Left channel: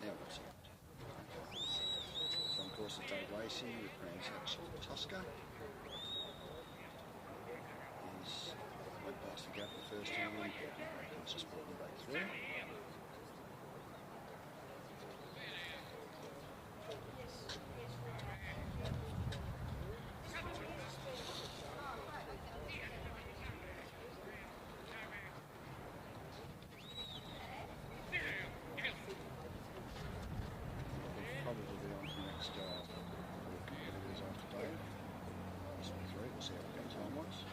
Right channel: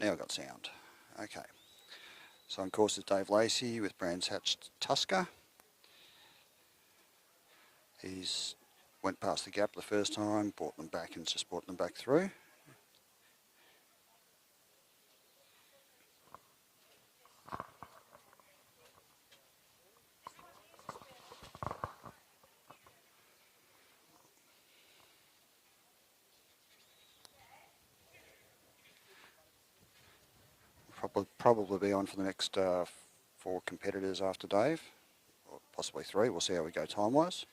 Now I've got sound. Okay. So on course is Dave Lacey with Brands Hatch Tusker. He's went past the gap the first time, brought them back and just brought them back through. Probably be on for the next 4 competitors after Dave, possibly 3. We'll see how we go time-wise.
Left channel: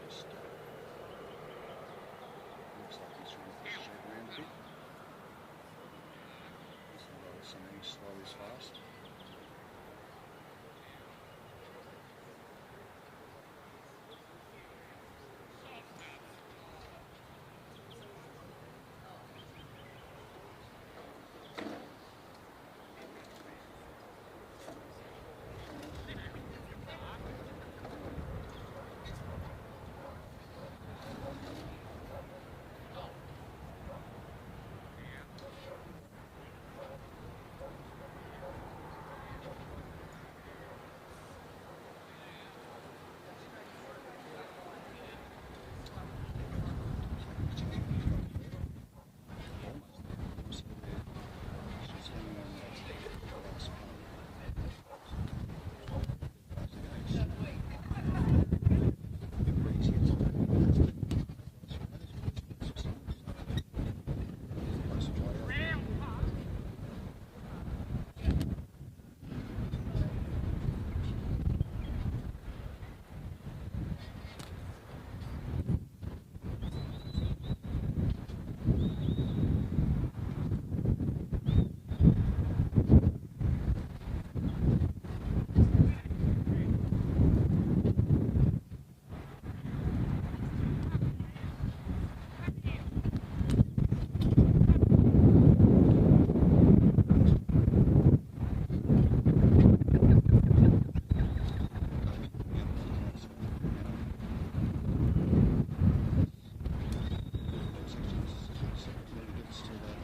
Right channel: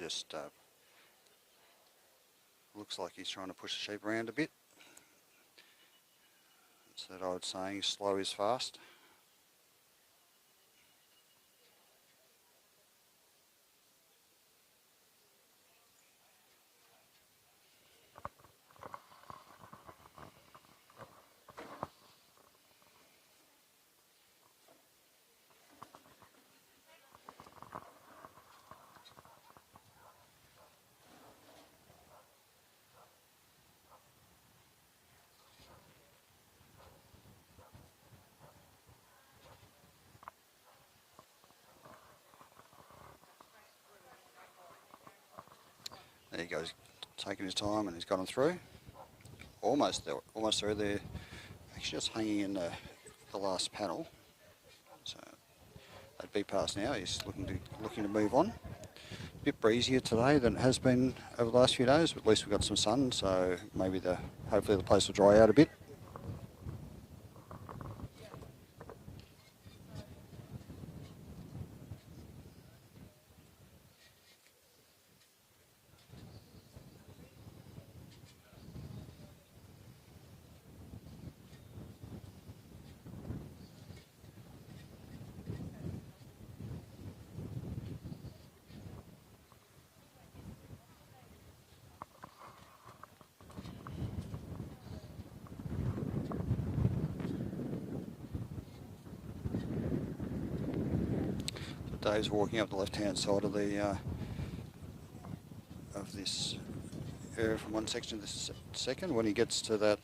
Just looks like he's trying to push the sheep around a bit. That's that old saying, slow is fast. There he goes, taking his time, and he's got him through. Almost through there. Actually just hanging in the last panel. So that be past now. He's looking to move on. A bit breezier today than it has been over the last few days, but at least we've got some sun, so maybe hopefully the place will dry out a bit. Dave's walking up the left-hand side of this area from one section to the second. When he gets to that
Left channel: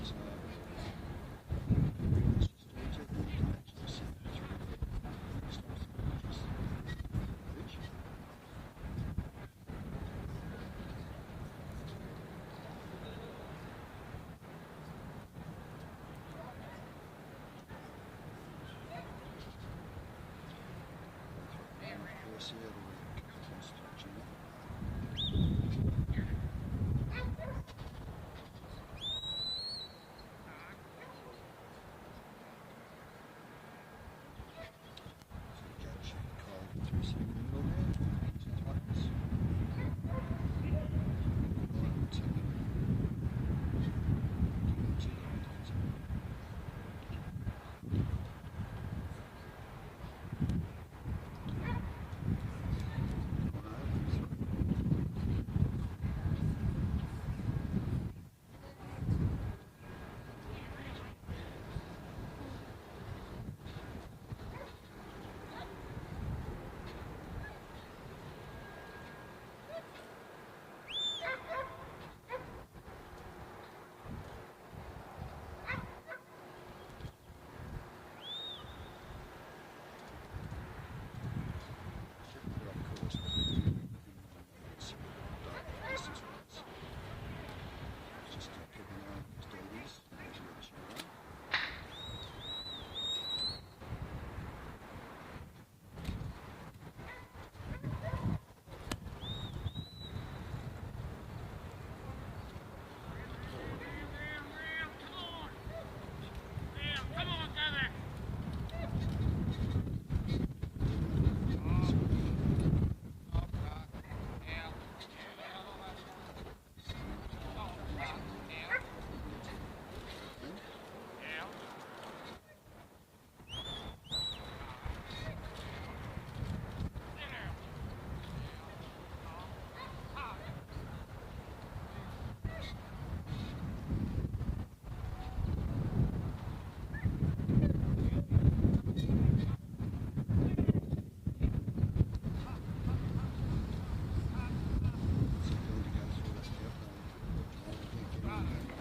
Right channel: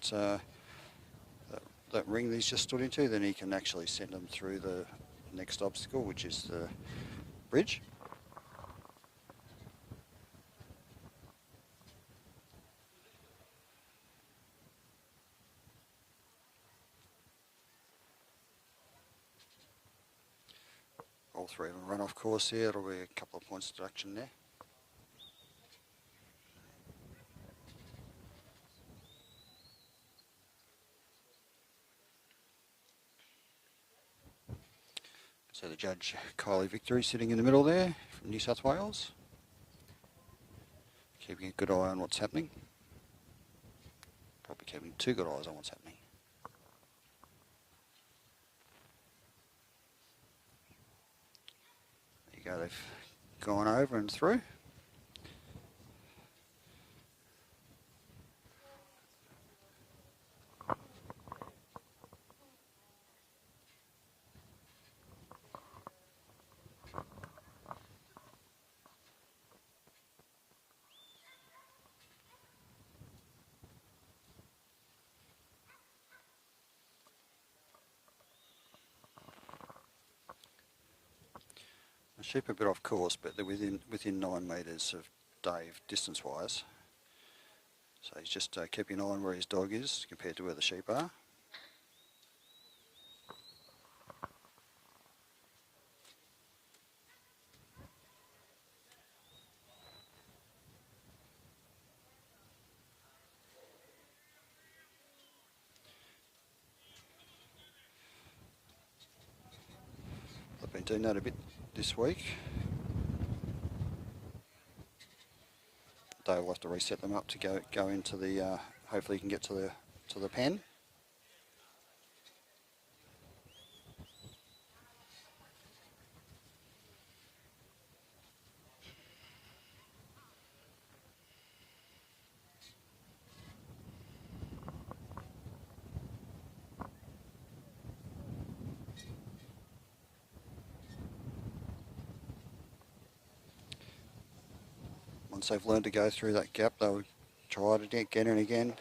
ring that he's just stood into, then he can actually send them through the next obstacle, which is the bridge. All 3 of them run off course here. It'll be a couple of points deduction there. So the judge, Kylie Victory, sitting in the middle there from New South Wales. Keeping a good eye on what's happening. Probably keeping 2 good eyes on what's happening. There you go, they've gone over and through. Sheep a bit off course, but they're within 9 metres of Dave, distance-wise. So he's just keeping an eye on where his dog is compared to where the sheep are. I've been doing that a bit this week. Dave will have to reset them up to go into the. Hopefully, he can get to the pen. once they've learned to go through that gap, they'll try it again and again.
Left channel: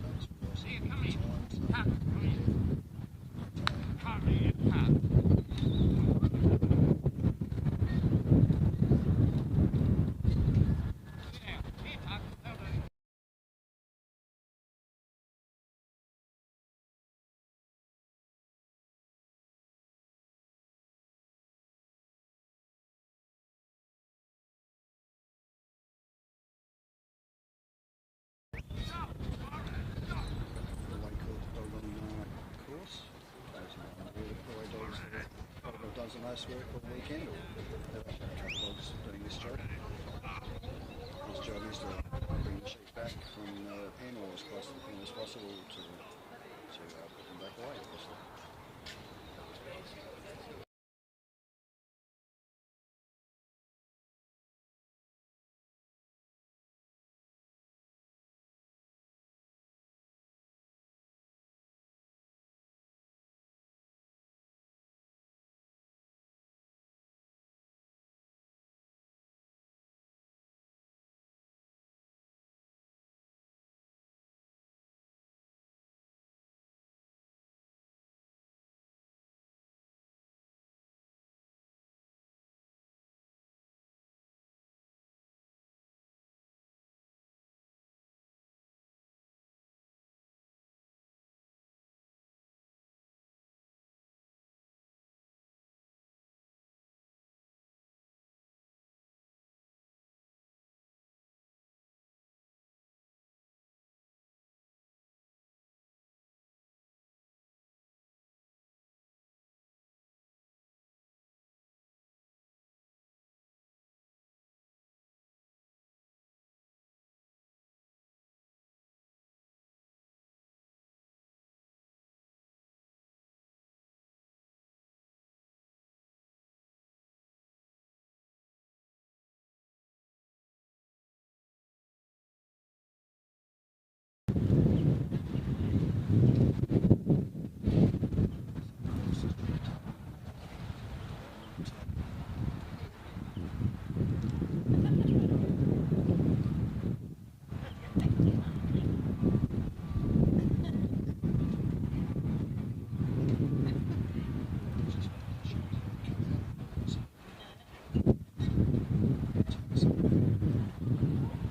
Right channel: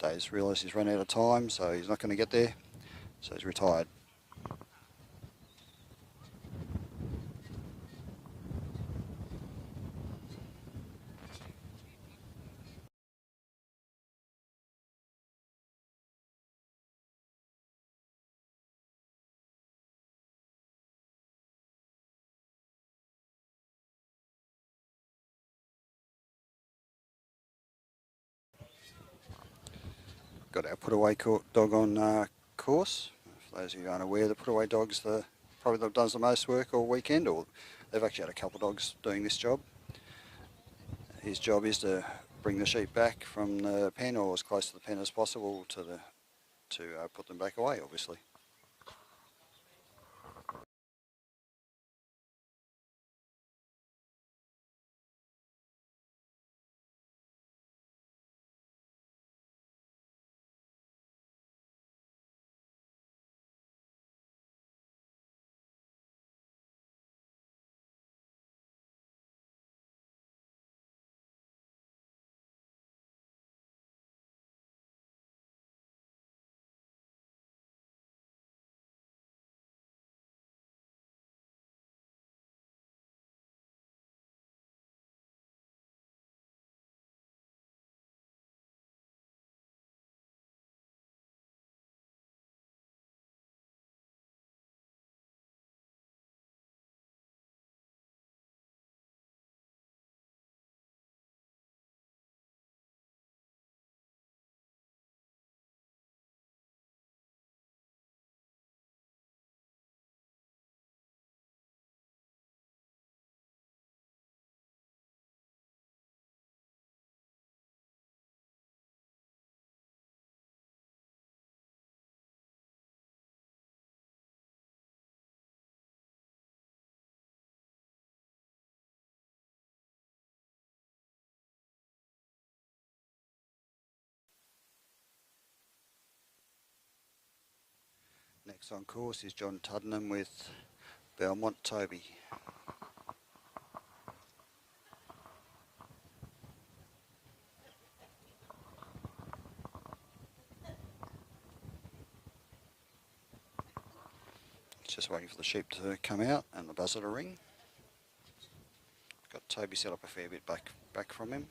Dave's realised he's run out of time, so he's not going to get there, so he's retired. Got our put-away dog on course. For those who aren't aware, the put-away dogs, probably they've done the most work all weekend, or they've actually had a couple of dogs doing this job. His job is to bring the sheep back from the pen, or as close to the pen as possible, to put them back away, obviously. Next on course is John Tuddenham with Belmont Toby. Just waiting for the sheep to come out and the buzzer to ring. Got Toby set up a fair bit back from him.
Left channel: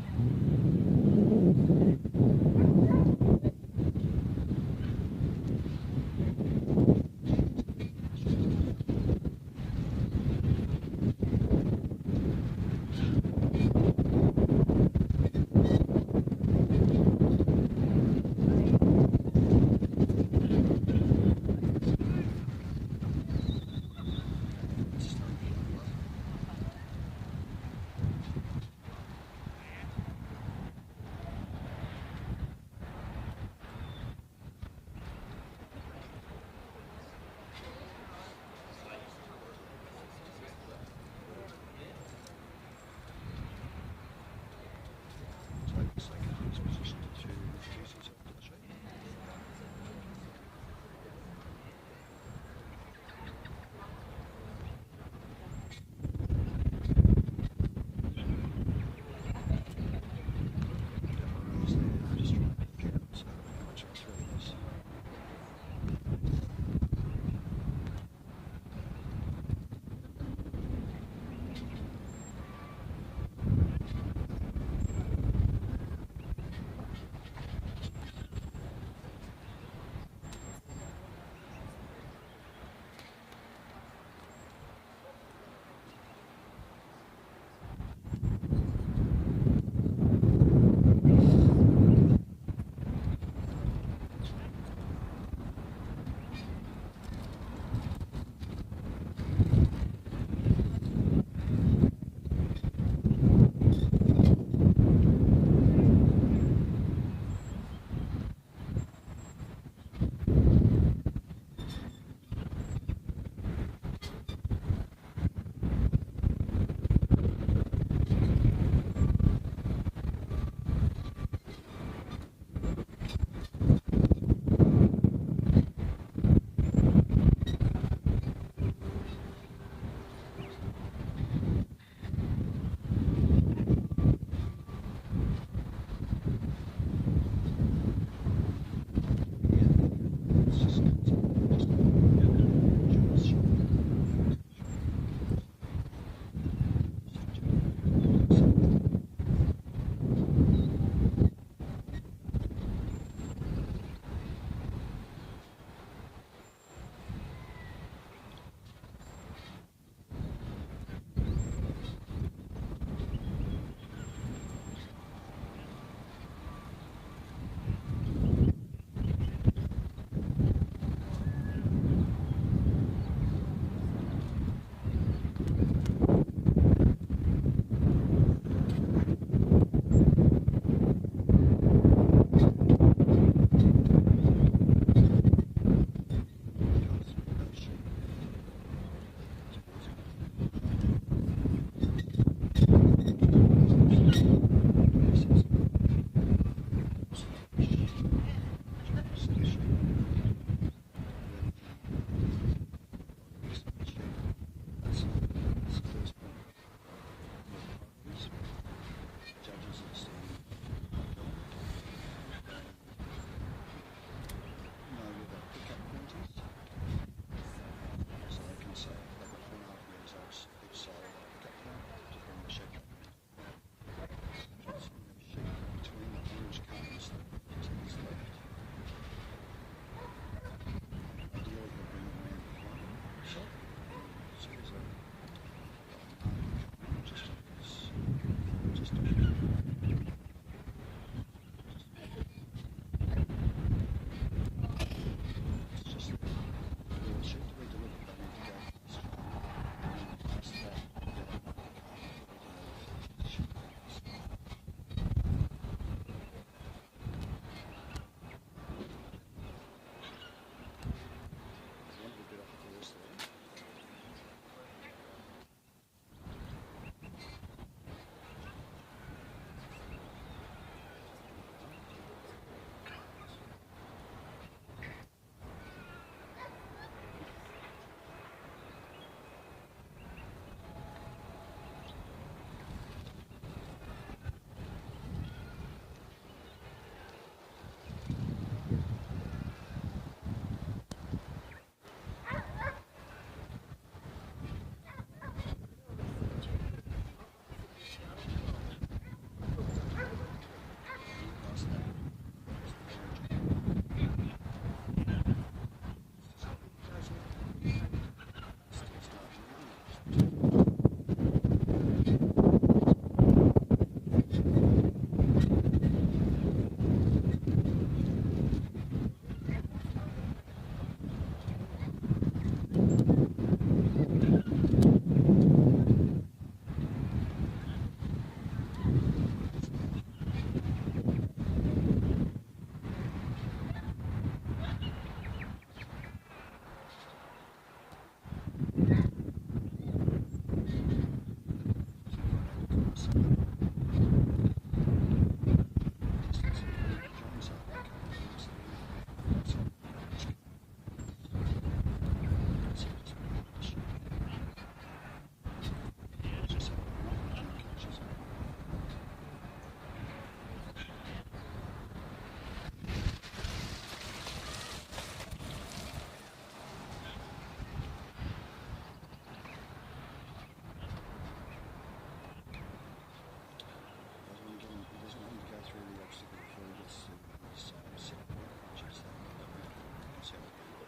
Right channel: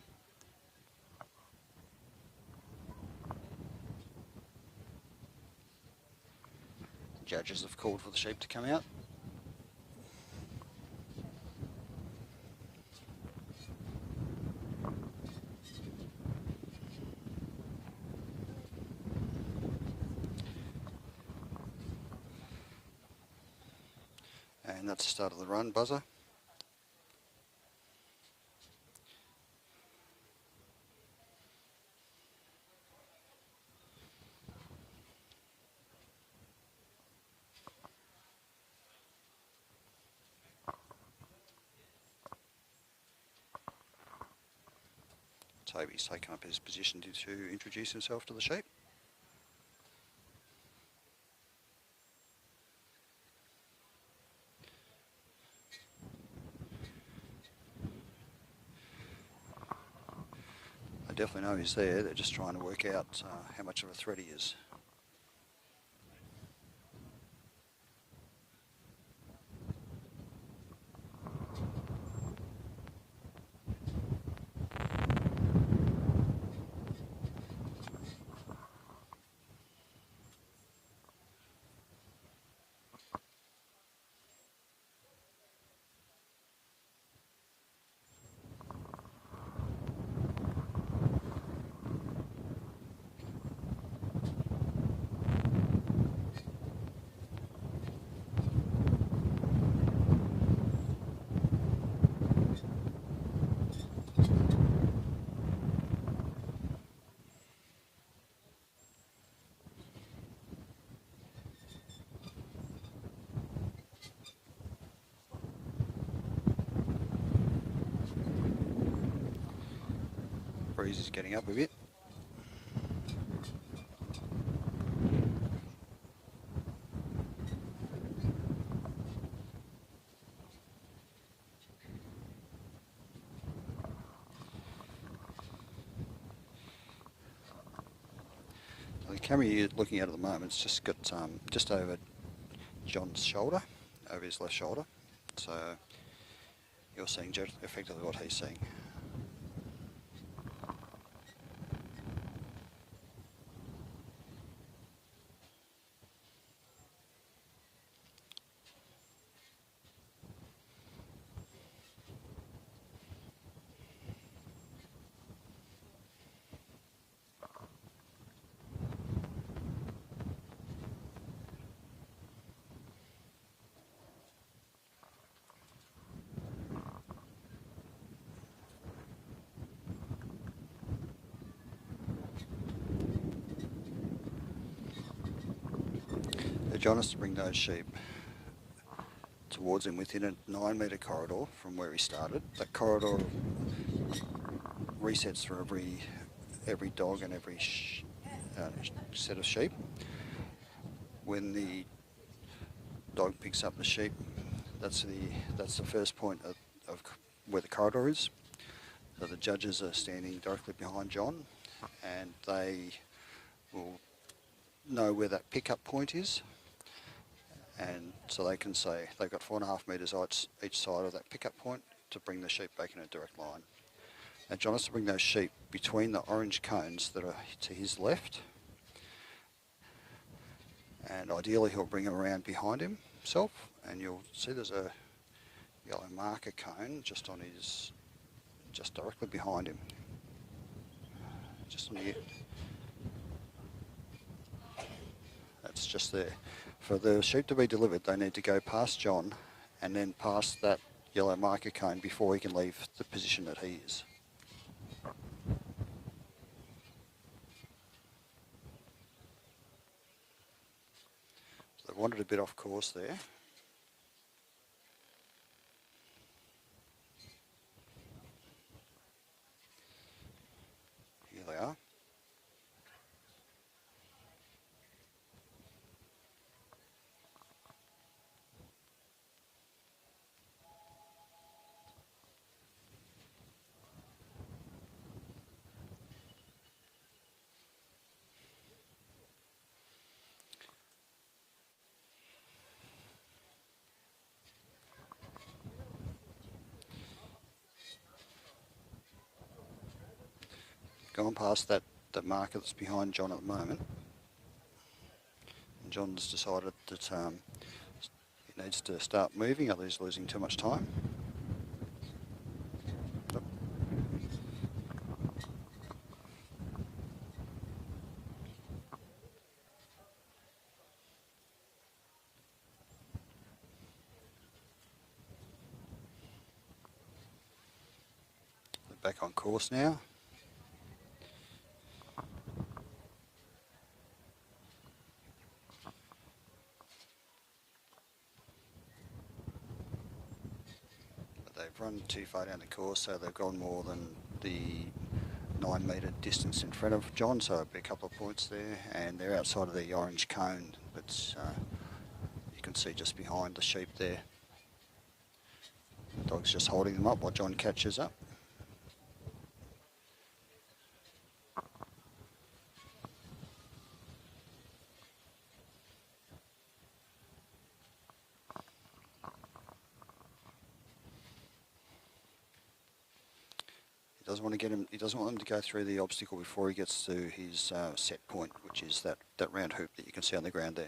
Judges have called for the sheep to come out. And that's the start of the run, buzzer. Toby's taken up his position to introduce himself to the sheep. They definitely know he's there, they're just trying to work out how much of a threat he is. Breeze is getting up a bit. camera you're looking at the moment, it's just got just over John's shoulder, over his left shoulder. So you're seeing effectively what he's seeing. John has to bring those sheep towards him within a 9-metre corridor from where he started. That corridor resets for every dog and every set of sheep. When the dog picks up the sheep, that's the first point of where the corridor is. So the judges are standing directly behind John, and they will know where that pickup point is. And so they can say they've got 4.5 metres each side of that pickup point to bring the sheep back in a direct line. And John has to bring those sheep between the orange cones that are to his left. And ideally he'll bring them around behind himself, and you'll see there's a yellow marker cone just directly behind him. Just near. That's just there. For the sheep to be delivered, they need to go past John and then past that yellow marker cone before he can leave the position that he is. I've wandered a bit off course there. Here they are. Gone past that marker that's behind John at the moment. John's decided that he needs to start moving, otherwise he's losing too much time. Back on course now. Too far down the course, so they've gone more than the 9-metre distance in front of John, so a couple of points there, and they're outside of the orange cone that's you can see just behind the sheep there. The dog's just holding them up while John catches up. He doesn't want him to go through the obstacle before he gets to his set point, which is that round hoop that you can see on the ground there.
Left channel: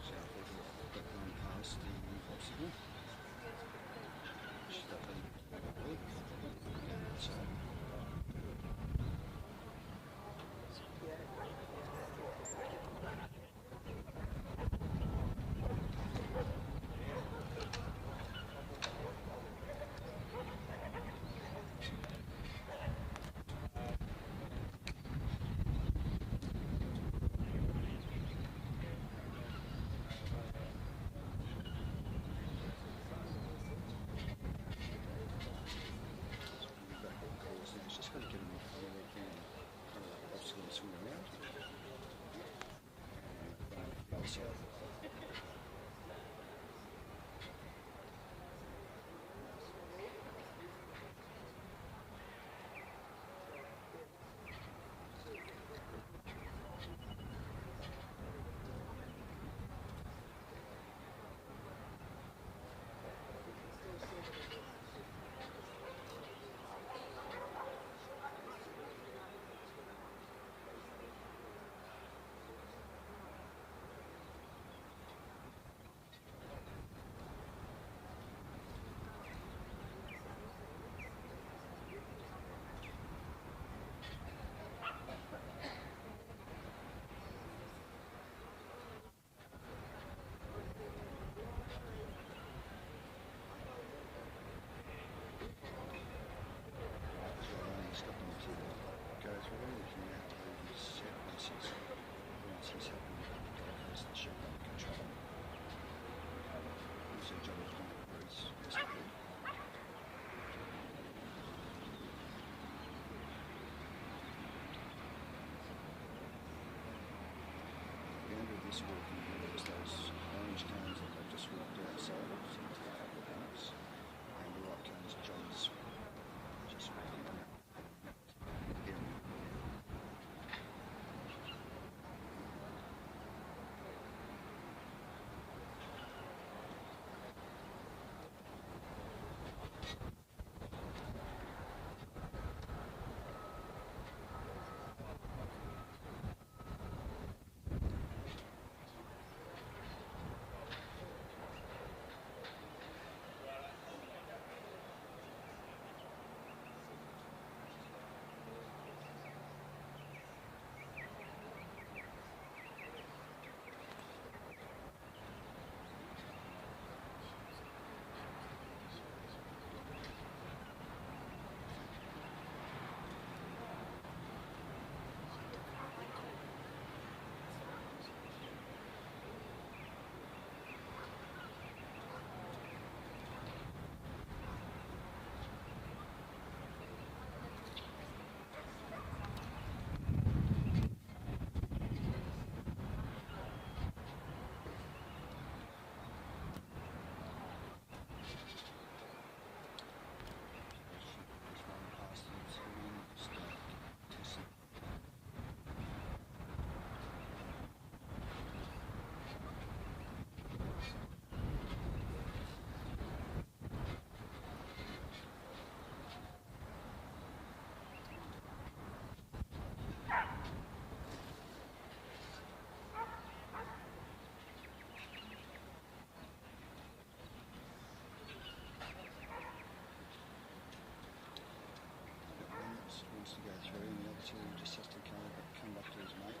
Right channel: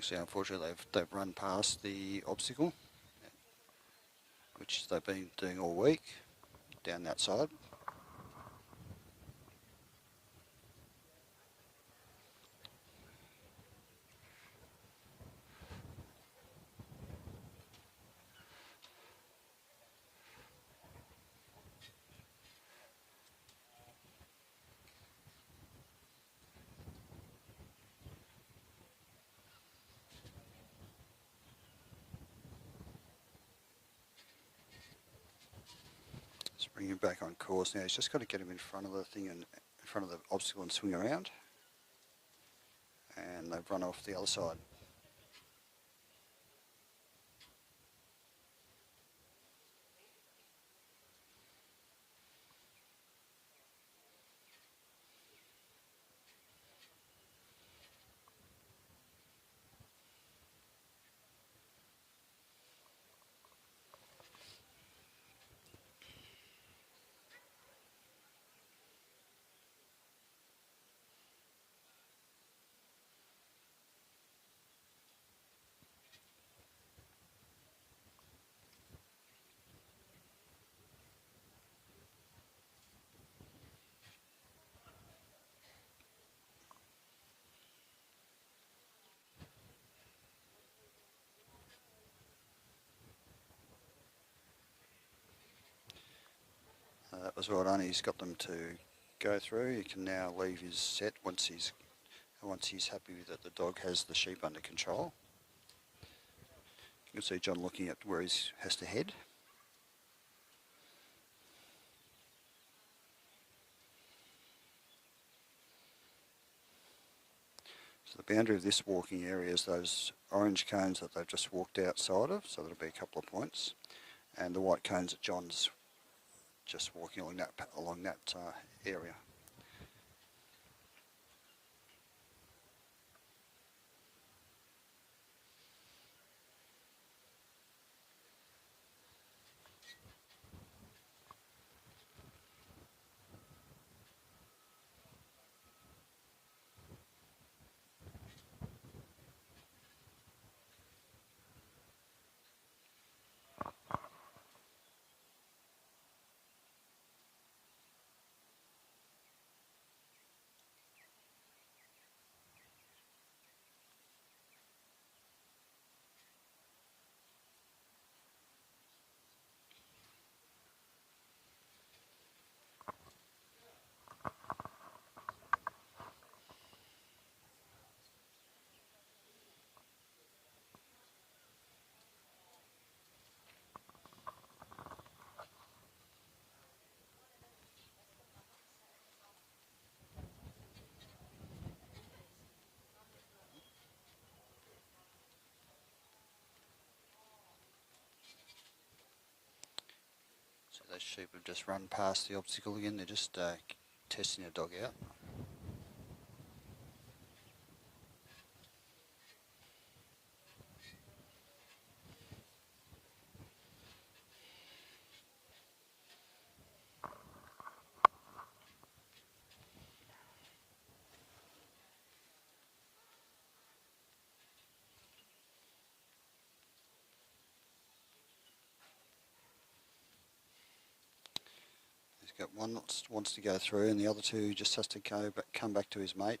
See, unfortunately they've run past the obstacle, which they've been doing all week, down that side. Bring him back on course now. He's just got to get him in front of the thing and in front of the obstacle and swing around. And and they've run off the other side. That was well done. He's got them to go through. He can now leave his set once he's happy that the dog has the sheep under control. You can see John looking at where he has to head. So the boundary of this walking area is those orange cones that they've just walked outside of, so there'll be a couple of points, and the white cones that John's just walking along that area. Sheep have just run past the obstacle again. They're just testing the dog out. One that wants to go through, and the other two just has to come back to his mate.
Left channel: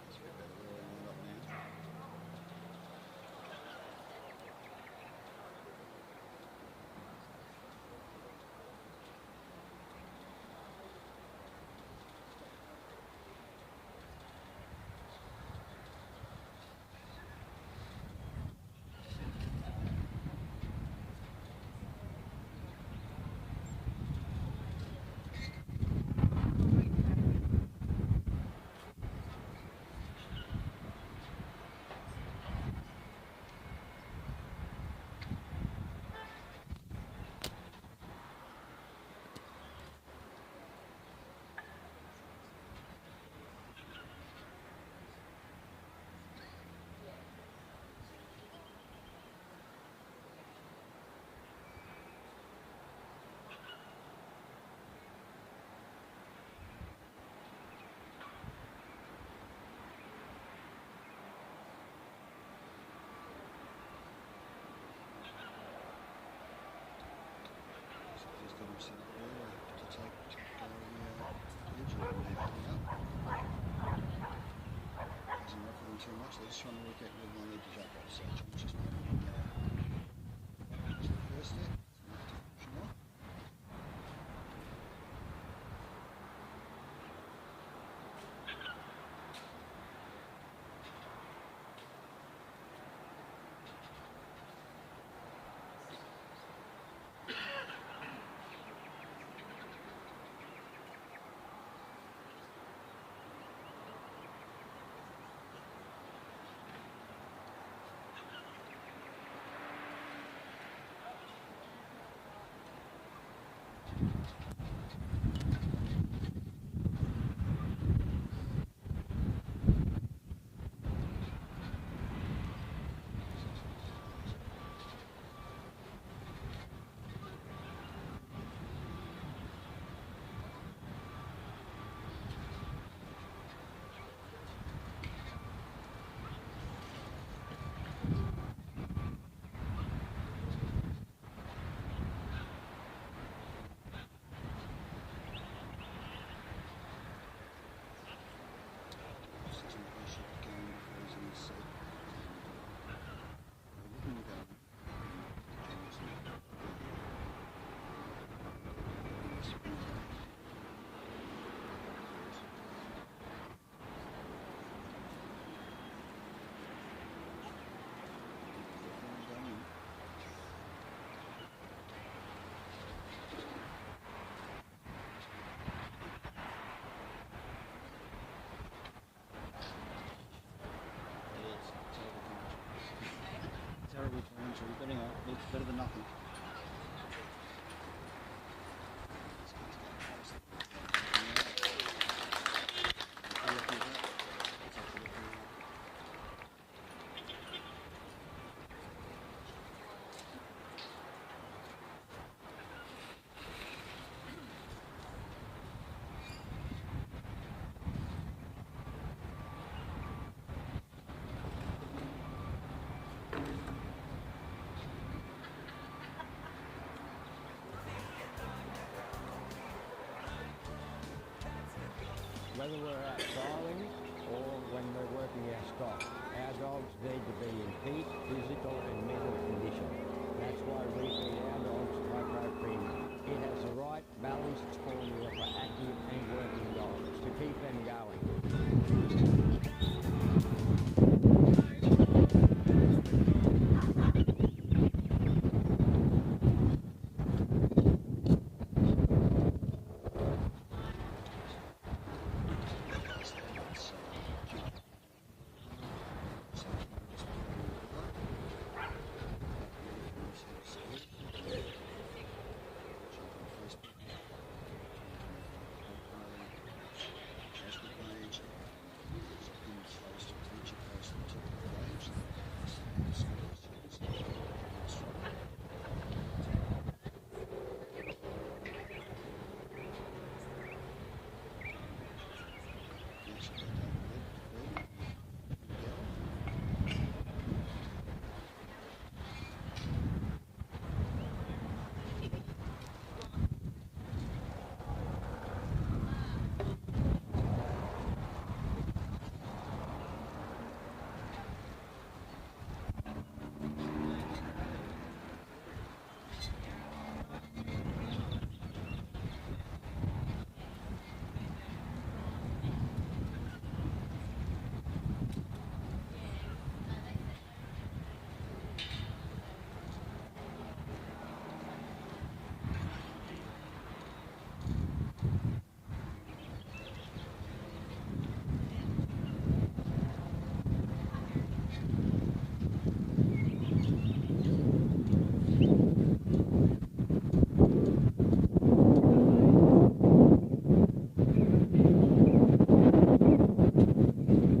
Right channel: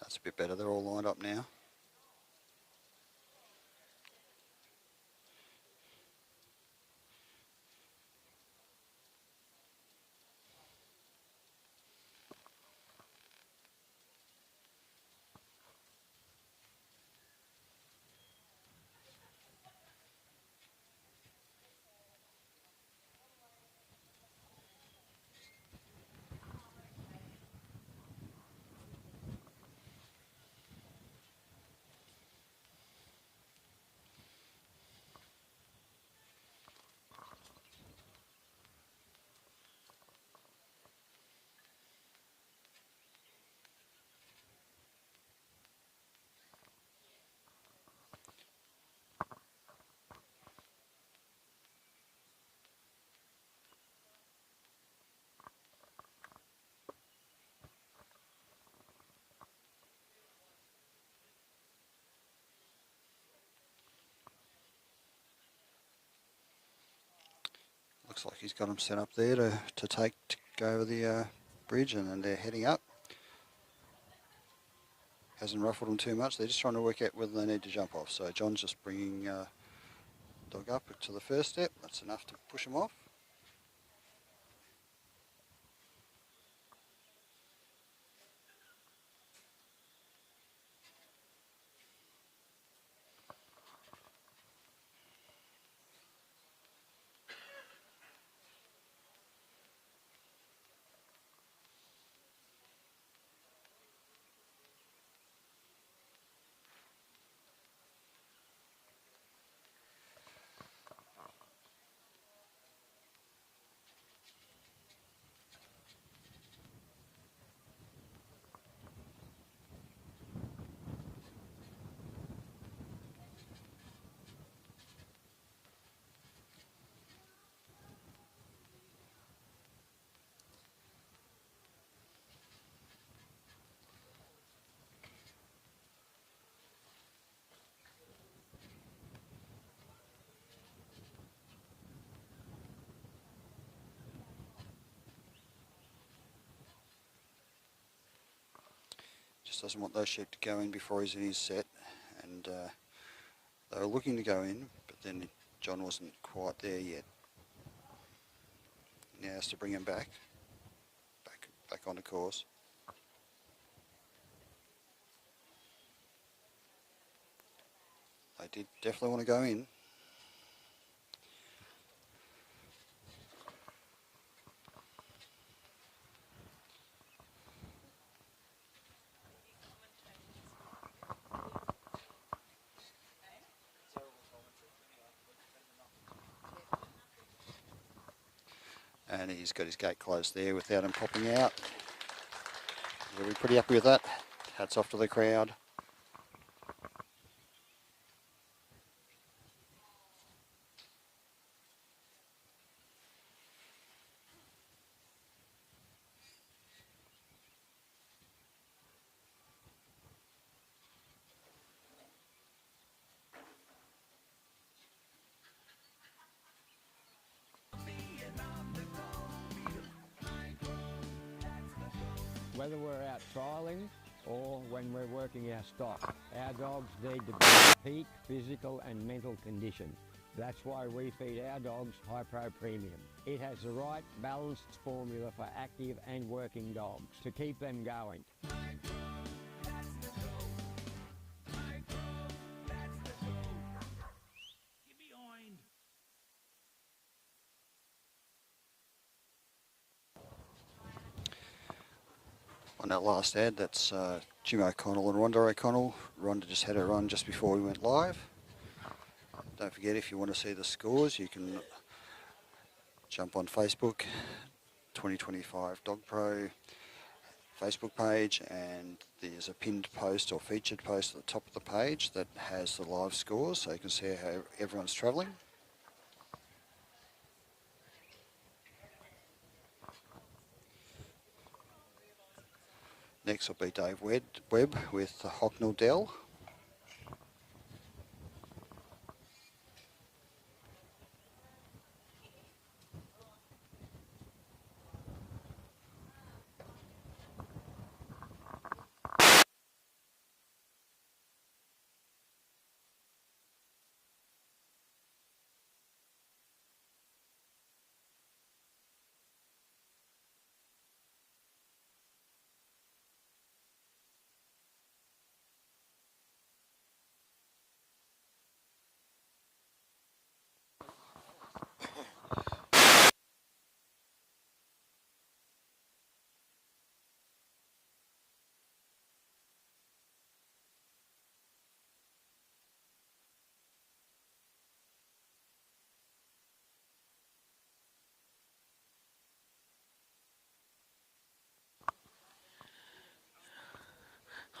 That's a bit better. They're all lined up now. Looks like he's got them set up there to go over the bridge, and then they're heading up. Hasn't ruffled them too much. They're just trying to work out whether they need to jump off. So John's just bringing dog up to the first step. That's enough to push them off. doesn't want those sheep to go in before he's in his set, and they were looking to go in, but then John wasn't quite there yet. He has to bring him back on the course. They did definitely want to go in. And he's got his gate closed there without him popping out. We're pretty happy with that. Hats off to the crowd. Whether we're out trialling or when we're working our stock, our dogs need to be in peak physical and mental condition. That's why we feed our dogs High-Pro Premium. It has the right balanced formula for active and working dogs to keep them going. Last ad, that's Jim O'Connell and Rhonda O'Connell. Rhonda just had a run just before we went live. Don't forget, if you want to see the scores, you can jump on Facebook, 2025 Dogpro Facebook page, and there's a pinned post or featured post at the top of the page that has the live scores, so you can see how everyone's travelling. Next will be Dave Webb with Hocknell Dell.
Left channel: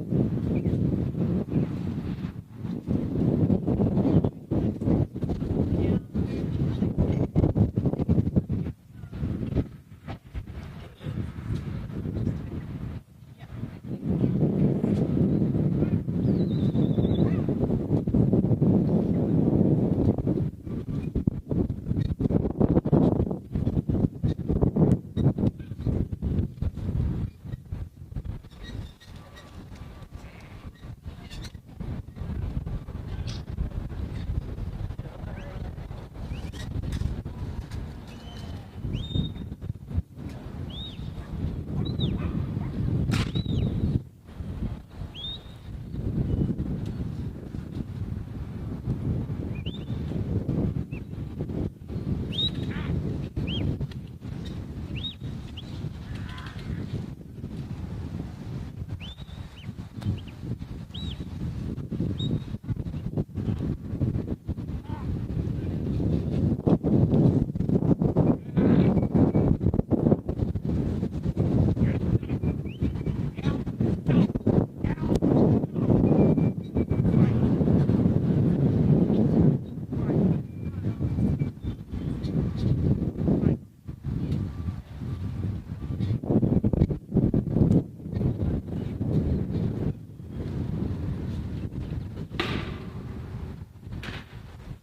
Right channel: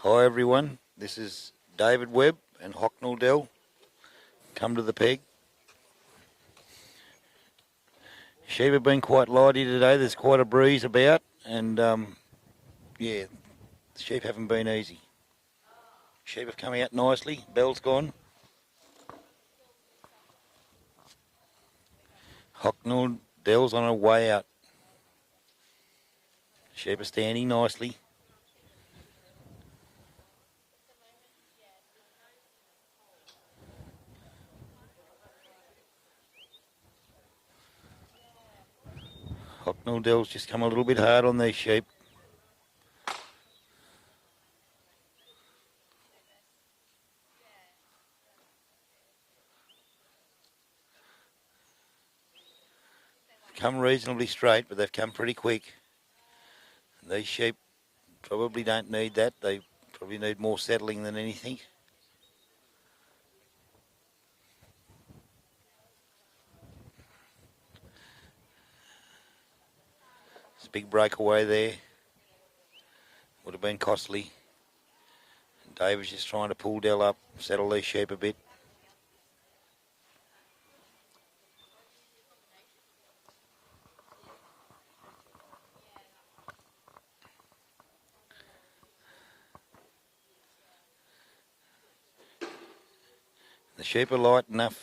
Hi everyone, this is David Webb and Hocknell Dell. Come to the peg. Sheep have been quite lively today. There's quite a breeze about, and yeah, the sheep haven't been easy. Sheep are coming out nicely. Bell's gone. Hocknell Dell's on her way out. Sheep are standing nicely. Dell's just come a little bit hard on these sheep. Come reasonably straight, but they've come pretty quick. These sheep probably don't need that. They probably need more settling than anything. Big breakaway there. Could have been costly. Dave was just trying to pull Dell up, settle these sheep a bit. The sheep are light enough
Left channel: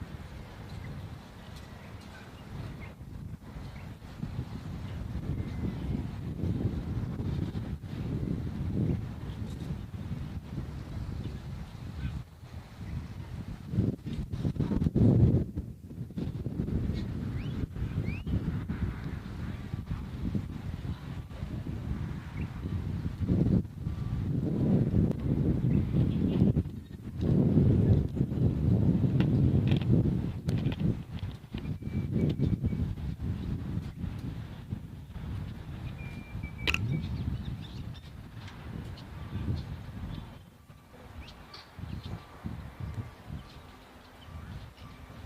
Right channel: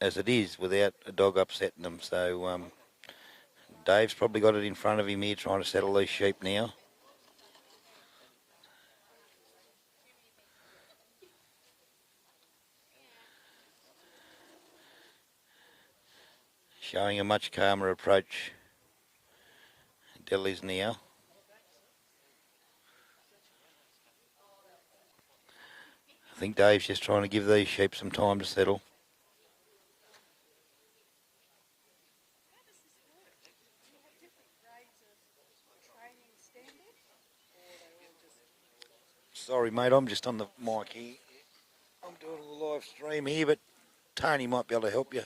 as it is without a dog upsetting them, so Dave's probably got it in front of him here trying to settle these sheep now. showing a much calmer approach. Delhi's now. I think Dave's just trying to give these sheep some time to settle. Sorry mate, I'm just on the mic here. I'm doing a live stream here, but Tony might be able to help you.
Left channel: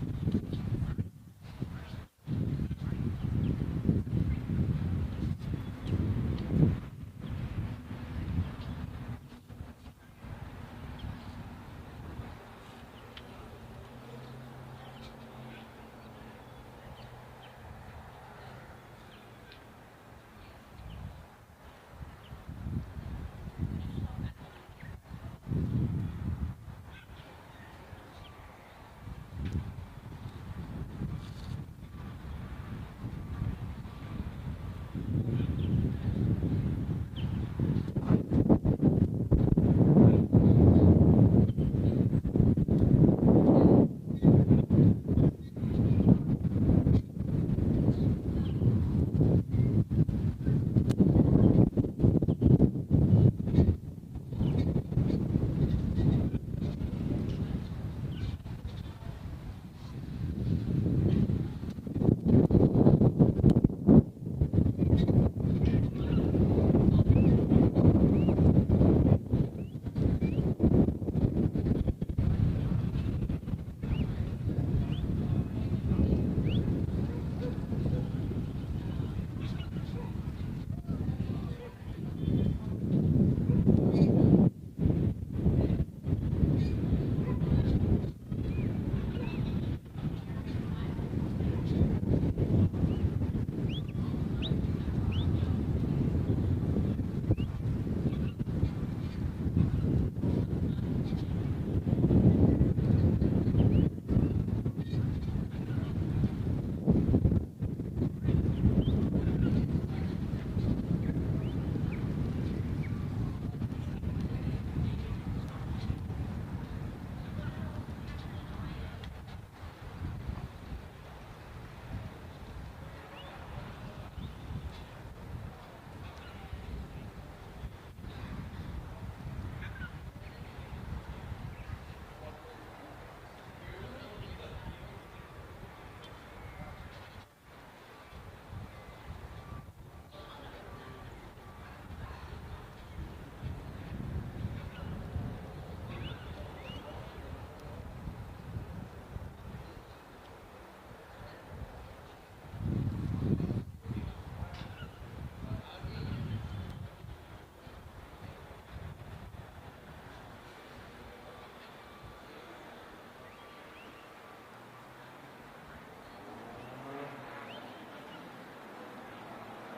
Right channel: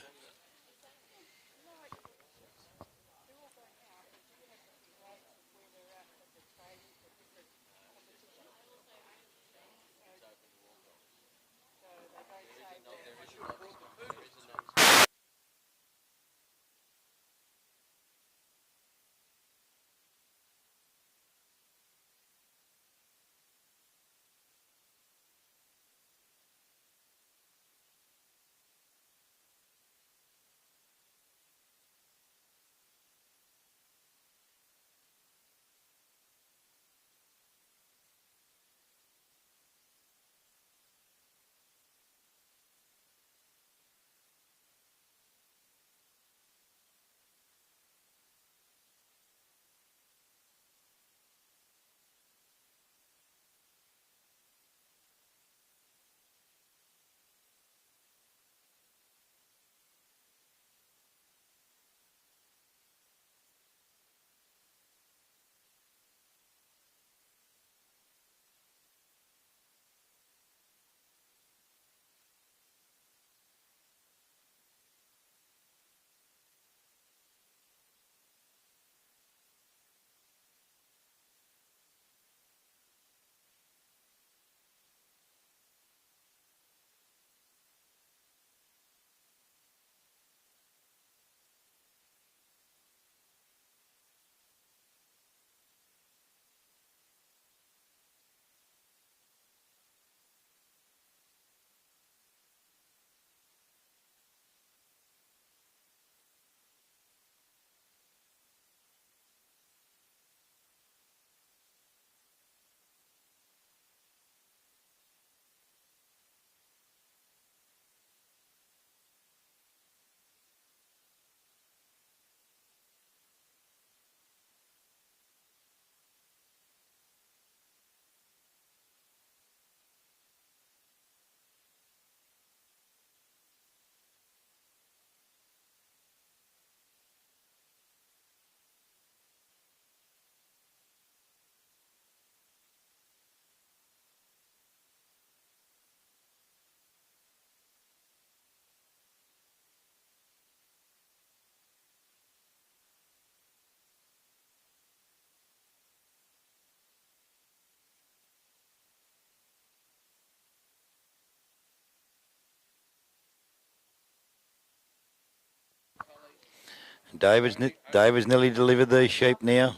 David's nearly delivered these sheep now.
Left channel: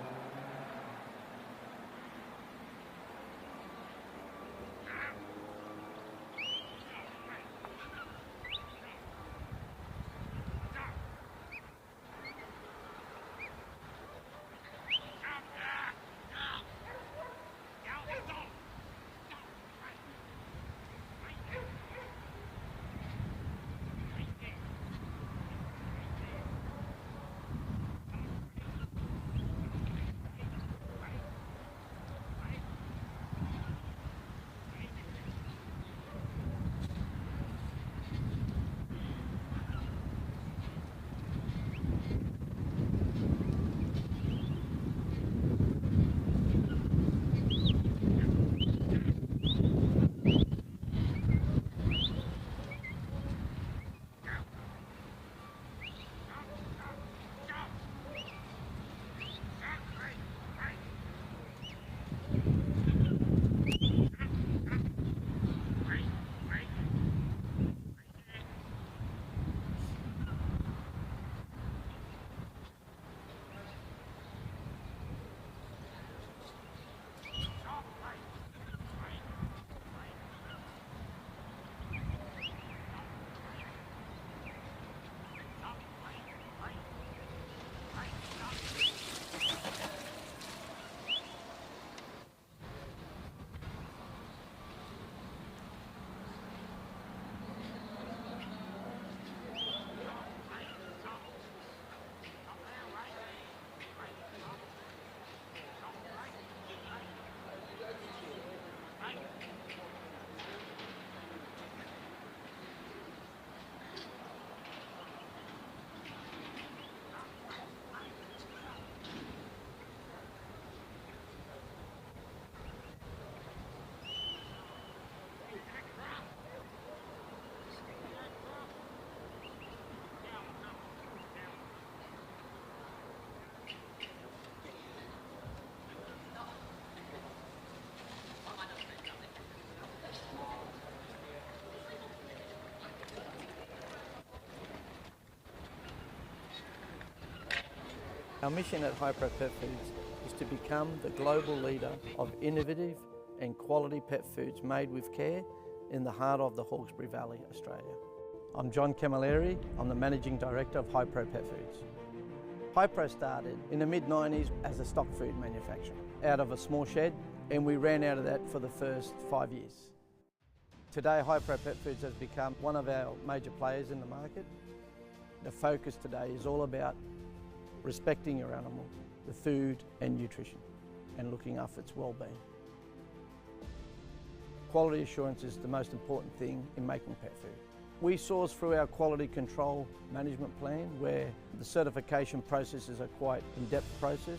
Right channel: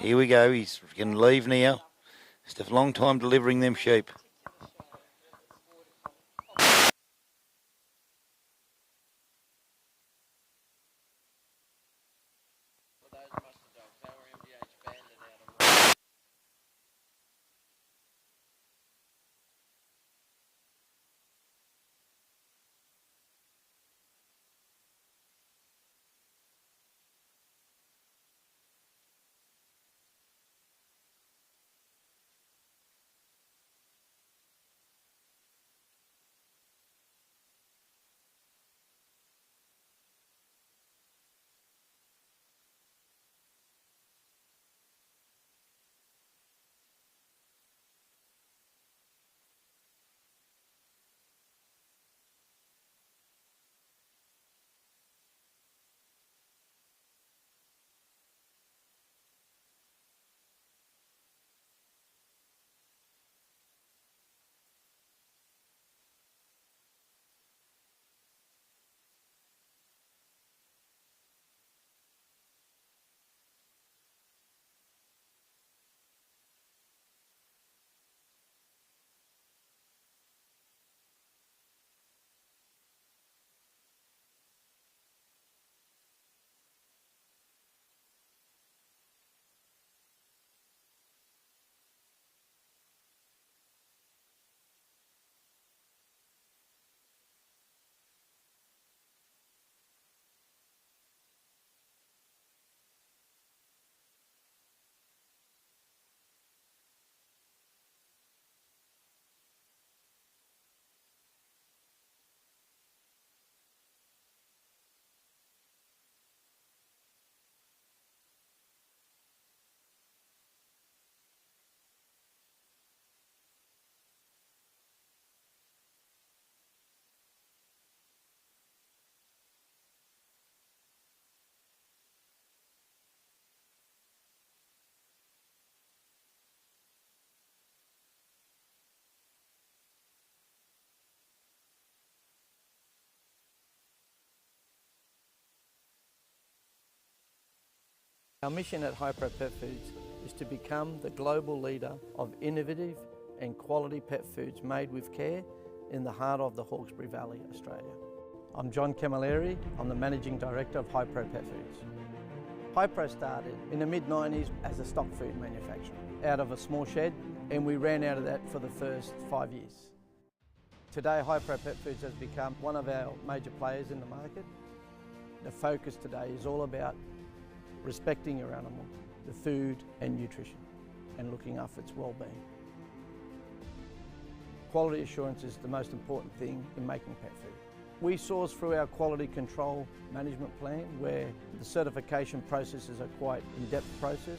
Here we go, he's going to leave now. It's a long time delivering them sheep. Our mission at Hypro Pet Foods is to become the global leader of innovative and quality pet foods made with care in the heart of the Hawkesbury Valley, Australia. I'm John Camilleri. I'm the Managing Director of Hypro Pet Foods. Hypro started in the mid-90s as a stock food manufacturer out of a small shed, and we ran out of that for the first 5 years. Today, Hypro Pet Foods has become one of our major players in the market. The focus today is all about respecting your animal, the food and nutrition, and looking after its well-being. Quality assurance is the most important thing in making pet food. We source through our quality control management plan, where the certification process is a quite in-depth process.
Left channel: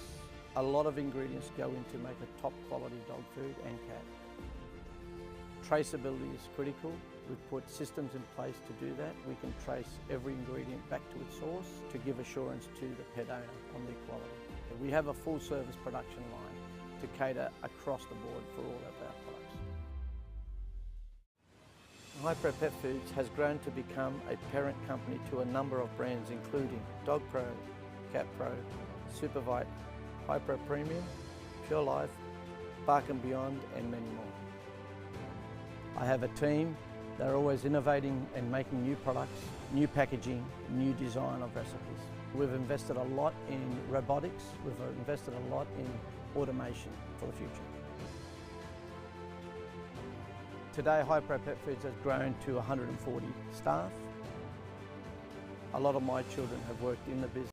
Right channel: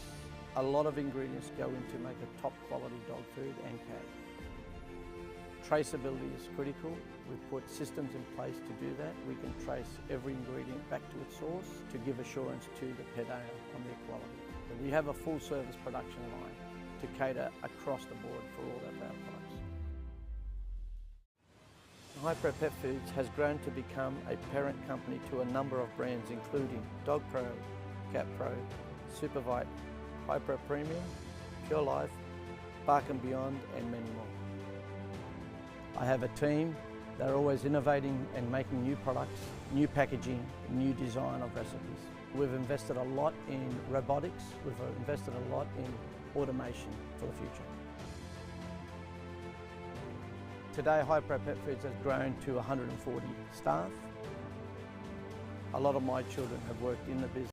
A lot of ingredients go into make a top quality dog food and cat. Traceability is critical. We've put systems in place to do that. We can trace every ingredient back to its source to give assurance to the pet owner on their quality. We have a full service production line to cater across the board for all of our products. Hypro Pet Foods has grown to become a parent company to a number of brands including Dogpro, CatPro, Supervite, Hypro Premium, Pure Life, Bark & Beyond and many more. I have a team that are always innovating and making new products, new packaging, new design of recipes. We've invested a lot in robotics, we've invested a lot in automation for the future. Today, Hypro Pet Foods has grown to 140 staff. A lot of my children have worked in the business.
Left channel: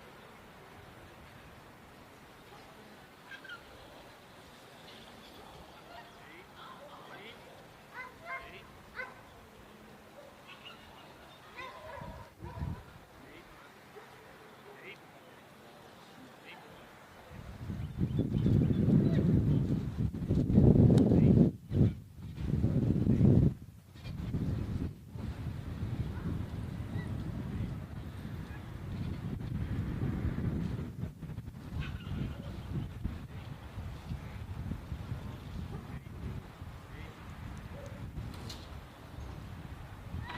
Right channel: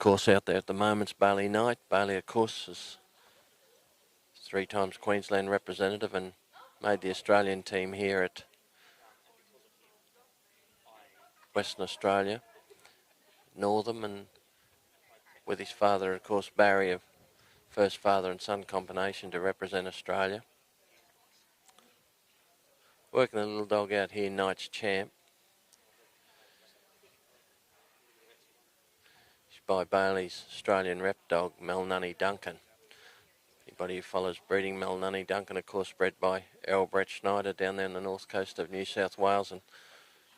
course out there at the moment's Bailey Knight. Bailey, of course, is 3 times Queensland representative and made the Australian team here at Western Australia, Northam, and with his father, of course, Barry, a first father and son combination to represent Australia. Working the little dog out here, Knight's Champ. It's by Bailey's Australian rep dog, Melnunny Duncan. Anybody who follows breeding, Melnunny Duncan, of course, bred by Errol Brett Schneider down there on the north coast of New South Wales, and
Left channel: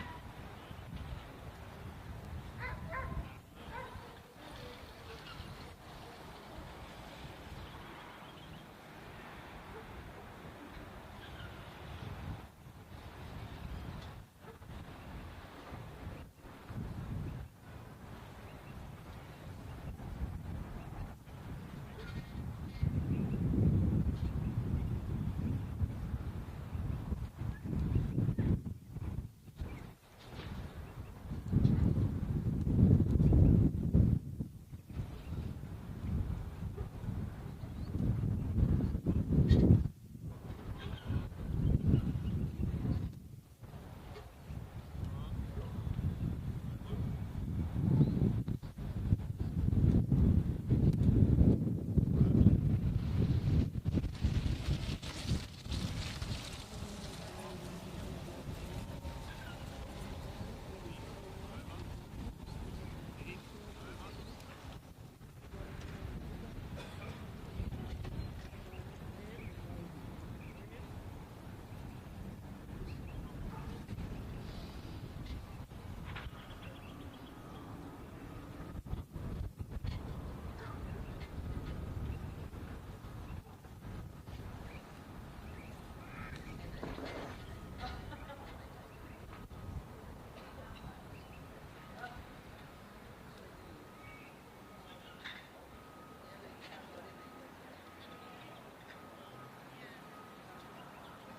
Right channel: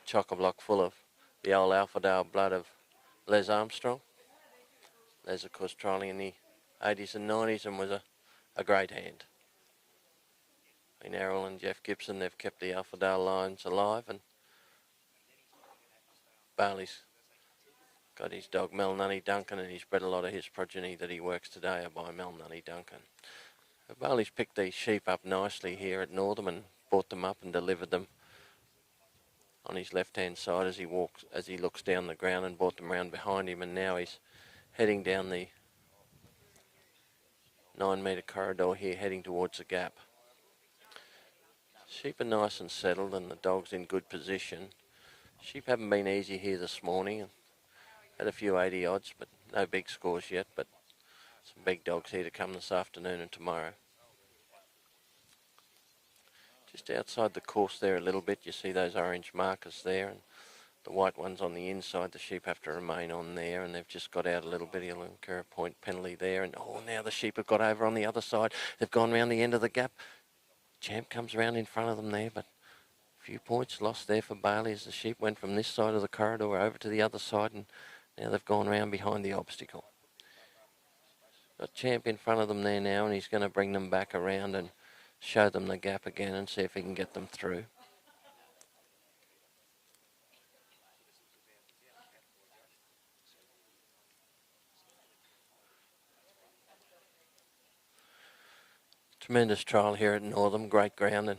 chock-a-block full of the old Alphadale blood of Les Armstrong. Les, of course, trialling in the 80s and 90s and was a great hand. In Errol and Jeff Gibson, they've kept the Alphadale lines alive, and Bailey's got his dog Melnunny Duncan, and he's bred a lot of his progeny that he works today are by Melnunny Duncan. Bailey's picked these sheep up nicely here at Northam and brought them up and delivered them on his left-hand side as he looks down the ground, and brought them around behind him, and now he's heading down the 9-metre corridor here, heading towards the gap. Sheep are nice and settled, and the dog's in good position. Sheep haven't been easy here this morning. Had a few 80 odds, but no big scores yet, but some big dogs here to come this afternoon and tomorrow. Just outside the course there a little bit, you see those orange markers there, and the white ones on the inside. The sheep have to remain on there, and they've just got out a little bit. He'll incur a point penalty there, and oh, now the sheep have got over on the other side. They've gone round the end of the gap. Champ comes around in front of them there, but a few points lost there for Bailey as the sheep went from this side of the corridor over to the other side, and now they've gone round behind the obstacle. Got Champ in front of them there now, and he's going to bring them back around and show them the gap again and see if he can get them through. Tremendous trial here at Northam, great ground and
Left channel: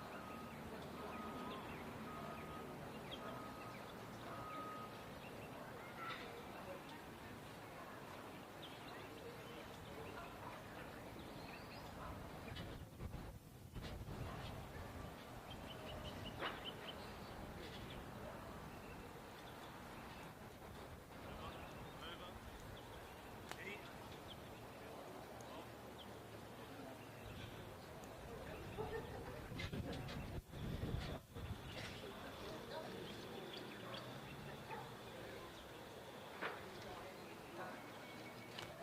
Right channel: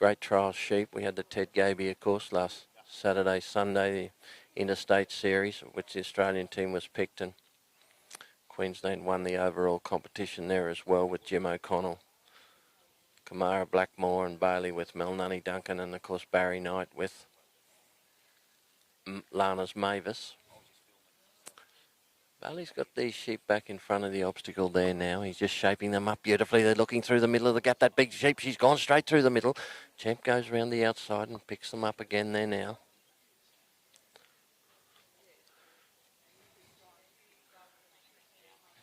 great trial sheep. We had the Ted Gaby, of course, last Saturday, Sunday, the Interstate Series, which the Australian team was picked, and Queensland won the overall competition there as well with Jim O'Connell, Kamara Blackmore and Bailey with Melnunny Duncan, and of course Barry Knight with Lana's Mavis. Bailey's got these sheep back in front of the obstacle there now. He's just shaping them up beautifully. They're looking through the middle of the gap. That big sheep, she's gone straight through the middle. Champ goes around the outside and picks them up again there now.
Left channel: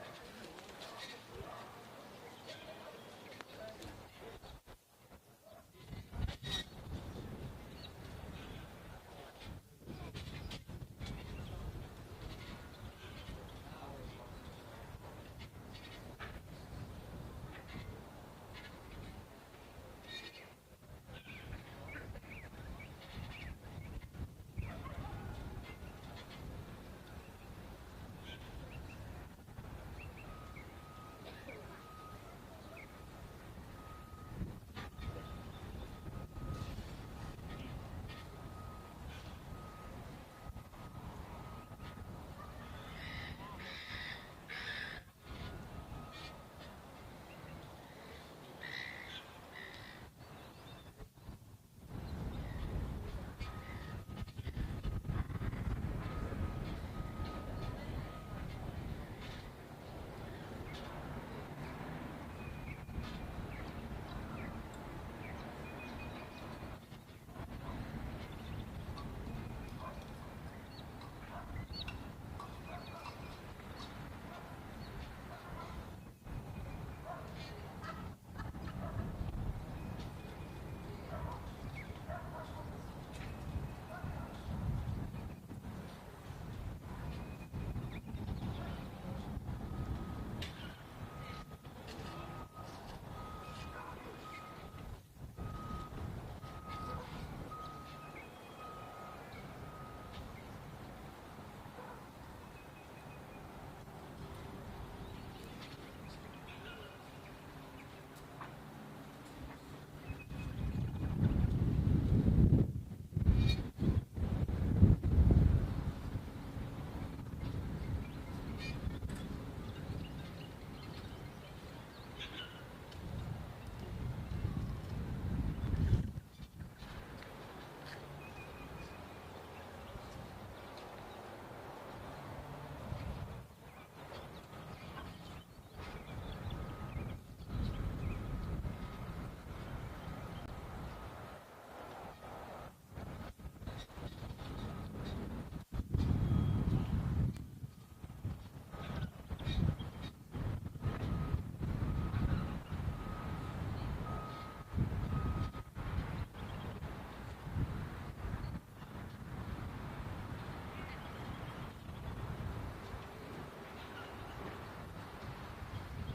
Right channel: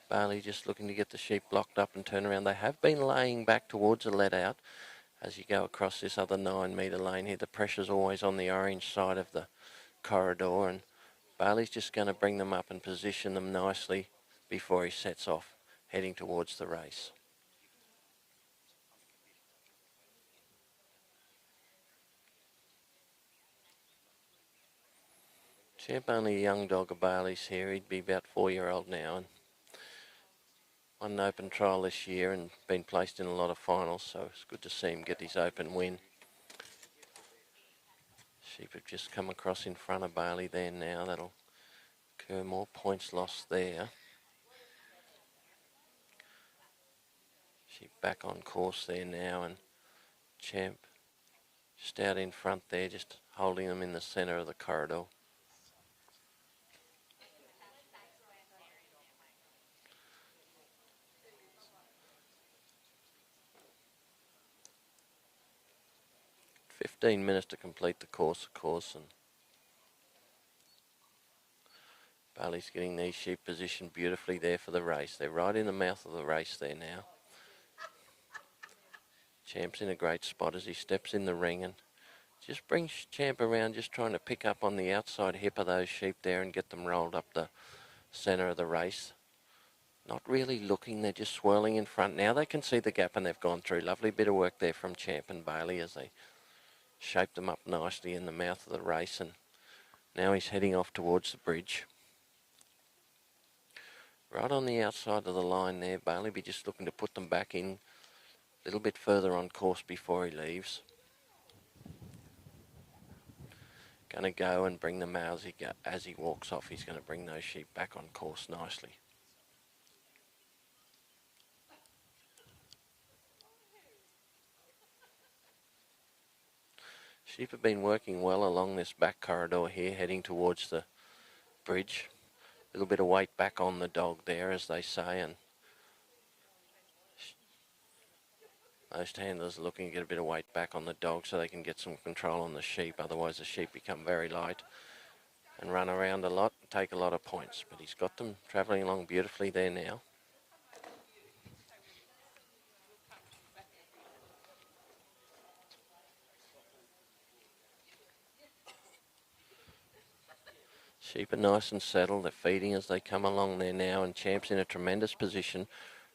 Bailey just looking to get the sheep blocked up and turn around. They have been laying back towards the let out as you go across this other 9-metre lane here. The pressure's always on the orange side of the corridor, and Bailey's just going to bring them up and position them nicely before he sets off, heading towards the race. Champ only a young dog of Bailey's here. He'd be about 4-year-old now, and on an open trial this year and been placed in a lot of finals, so it's good to see him get his open win. Sheep have just come across in front of Bailey there now. That'll occur more points lost there. Sheep back on course there now, and Champ just out in front there, just holding them in the centre of the corridor. Minutes to complete the course, of course. Bailey's getting these sheep positioned beautifully there for the race. They're right in the mouth of the race there now. Champ's in a great spot as he steps in the ring and just brings Champ around, just trying to pick up on the outside hip of those sheep there and get them rolled up the centre of the race. Not really looking, they're just swirling in front. Now they can see the gap and they've gone through. Lovely bit of work there from Champ and Bailey as they shaped them up nicely in the mouth of the race, and now he's heading off towards the bridge. Right on the outside of the line there, Bailey be just looking to put them back in a little bit further on course before he leaves. Going to go and bring them out as he walks off. He's going to bring those sheep back on course nicely. Sheep have been working well along this back corridor here, heading towards the bridge. A little bit of weight back on the dog there, as they say, and most handlers are looking to get a bit of weight back on the dog so they can get some control on the sheep. Otherwise the sheep become very light and run around a lot and take a lot of points. But he's got them travelling along beautifully there now. Sheep are nice and settled. They're feeding as they come along there now, and Champ's in a tremendous position.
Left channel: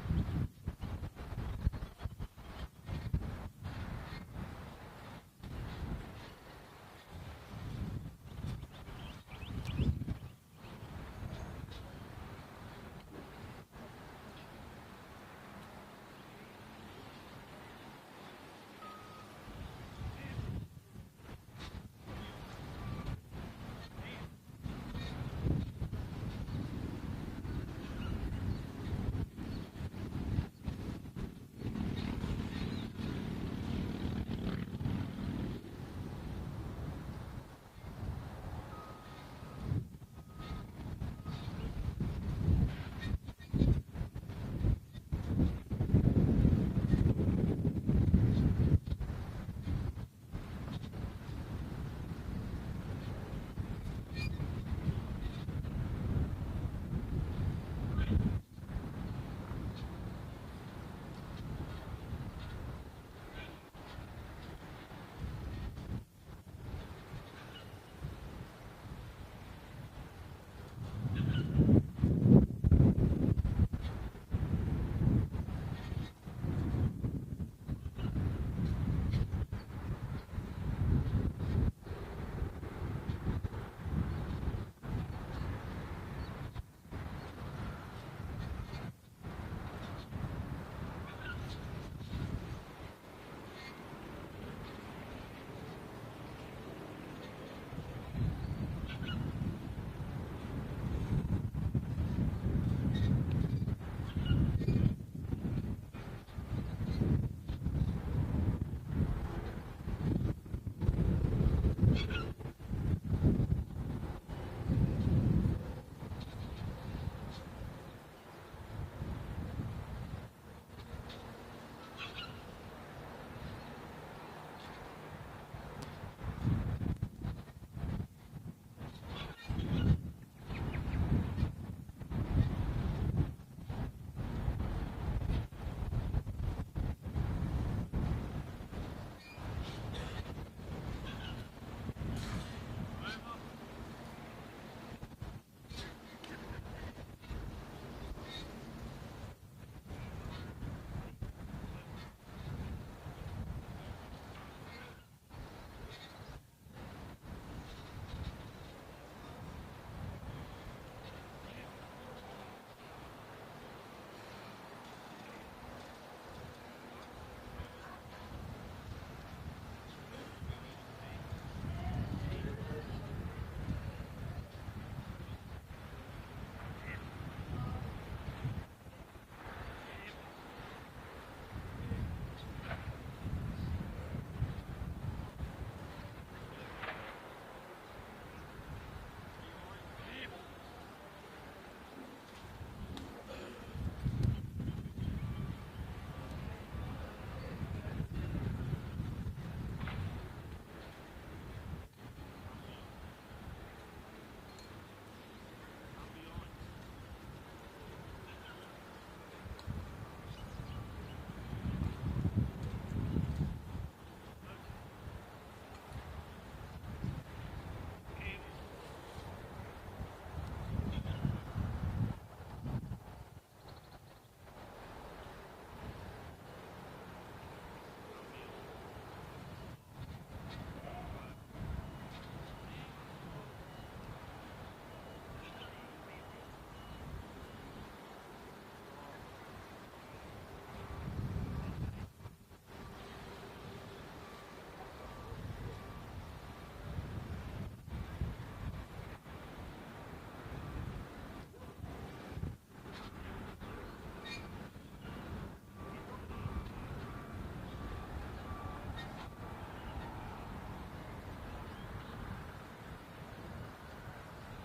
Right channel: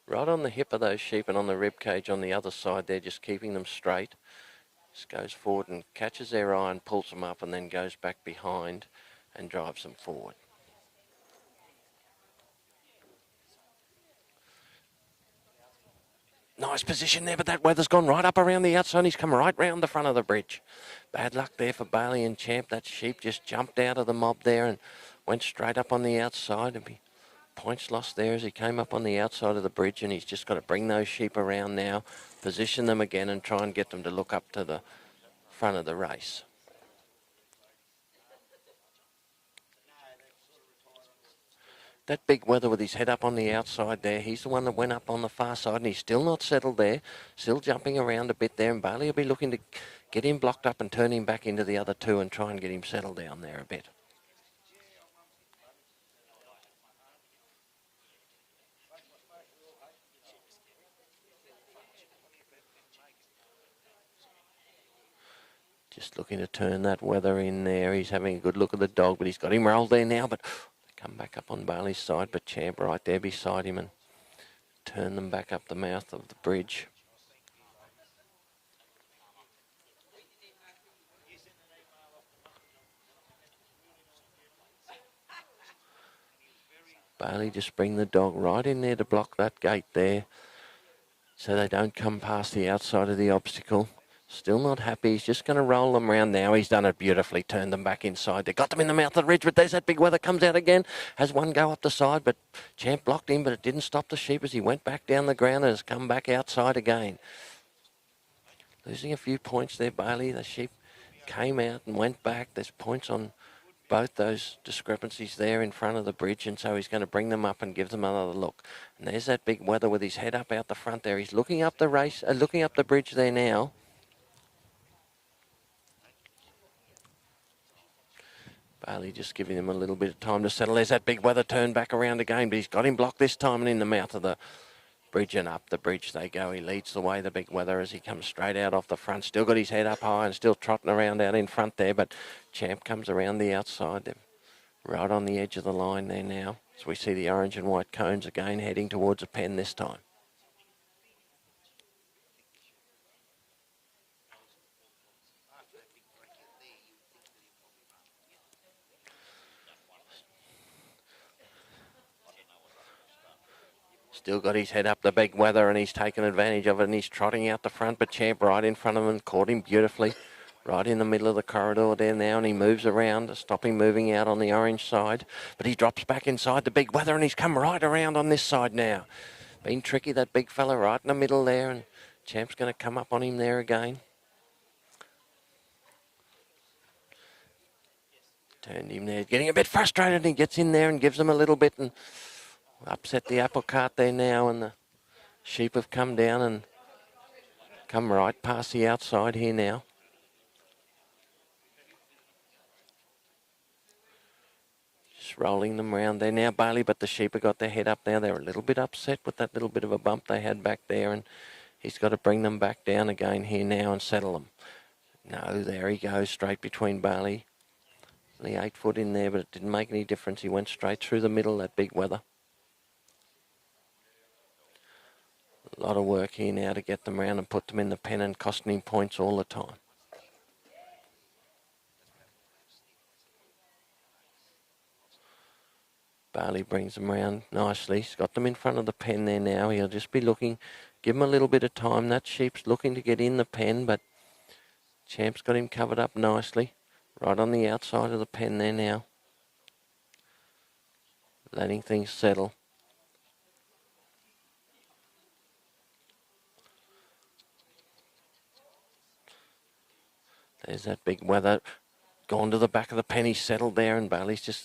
Right on the hip of those sheep and on the rib cage on the other side there, just keeping them straight. Just goes forward and catches their eye and pulls them up, and then goes back behind and drives them forward. Nice position there, but that weather's gone right up around the outside. He's come right round the front of the bridge. Bad luck there for Bailey and Champ. That sheep just jumped out of the mob there and went straight up on the outside. There'll be points lost there as he came up on the outside of the bridge, and he's just got to bring those sheep around now, position them again and try and get them to look up to the front of the race. That big weather with his head up on the outside there, he's the one that went up on the far side, and he's still not settled there, still jumping around a bit there, and Bailey will be looking to get him blocked up and turn him back into the other two and try and get him settled down there a bit. Just looking to turn that weather in there. He's having a good look at the dog, but he's got him rolled there now, but come back up on Bailey's side, but Champ right there beside him and turn them back up the mouth of the bridge. Bailey just bring the dog right in there to block that gate there so they don't come past the outside of the obstacle. Still not happy. He's just going to roll them around now. He's done it beautifully. Turned them back inside. They got them in the mouth of the ridge, but there's that big weather. Comes out again. Has one go up the side, but Champ blocked him, but it didn't stop the sheep as he went back down the ground and has come back outside again. Losing a few points there, Bailey. The sheep came out and went back. There's points on both those discrepancies there in front of the bridge, and so he's going to bring them up and give them another look. And there's that big weather with his head up out the front there. He's looking up the race, looking up the bridge there now. Bailey just giving him a little bit of time to settle. There's that big weather turn back around again, but he's got him blocked this time and in the mouth of the bridge, and up the bridge they go. He leads the way, the big weather, as he comes straight out off the front. Still got his head up high and still trotting around out in front there, but Champ comes around the outside. They're right on the edge of the line there now, as we see the orange and white cones again heading towards a pen this time. Still got his head up the big weather, and he's taken advantage of it, and he's trotting out the front, but Champ right in front of him and caught him beautifully. Right in the middle of the corridor there now, and he moves around to stop him moving out on the orange side, but he drops back inside the big weather, and he's come right around on this side now. Been tricky, that big fella right in the middle there, and Champ's going to come up on him there again. Turned him there, getting a bit frustrated, and he gets in there and gives him a little bit and upset the apple cart there now, and the sheep have come down and come right past the outside here now. Just rolling them around there now, Bailey, but the sheep have got their head up now. They're a little bit upset with that little bit of a bump they had back there, and he's got to bring them back down again here now and settle them. No, there he goes, straight between Bailey. Only 8 foot in there, but it didn't make any difference. He went straight through the middle, that big weather. A lot of work here now to get them around and put them in the pen, and costing him points all the time. Bailey brings them around nicely. He's got them in front of the pen there now. He'll just be looking, give him a little bit of time. That sheep's looking to get in the pen, but Champ's got him covered up nicely. Right on the outside of the pen there now. Letting things settle. There's that big weather. Gone to the back of the pen. He's settled there, and Bailey's just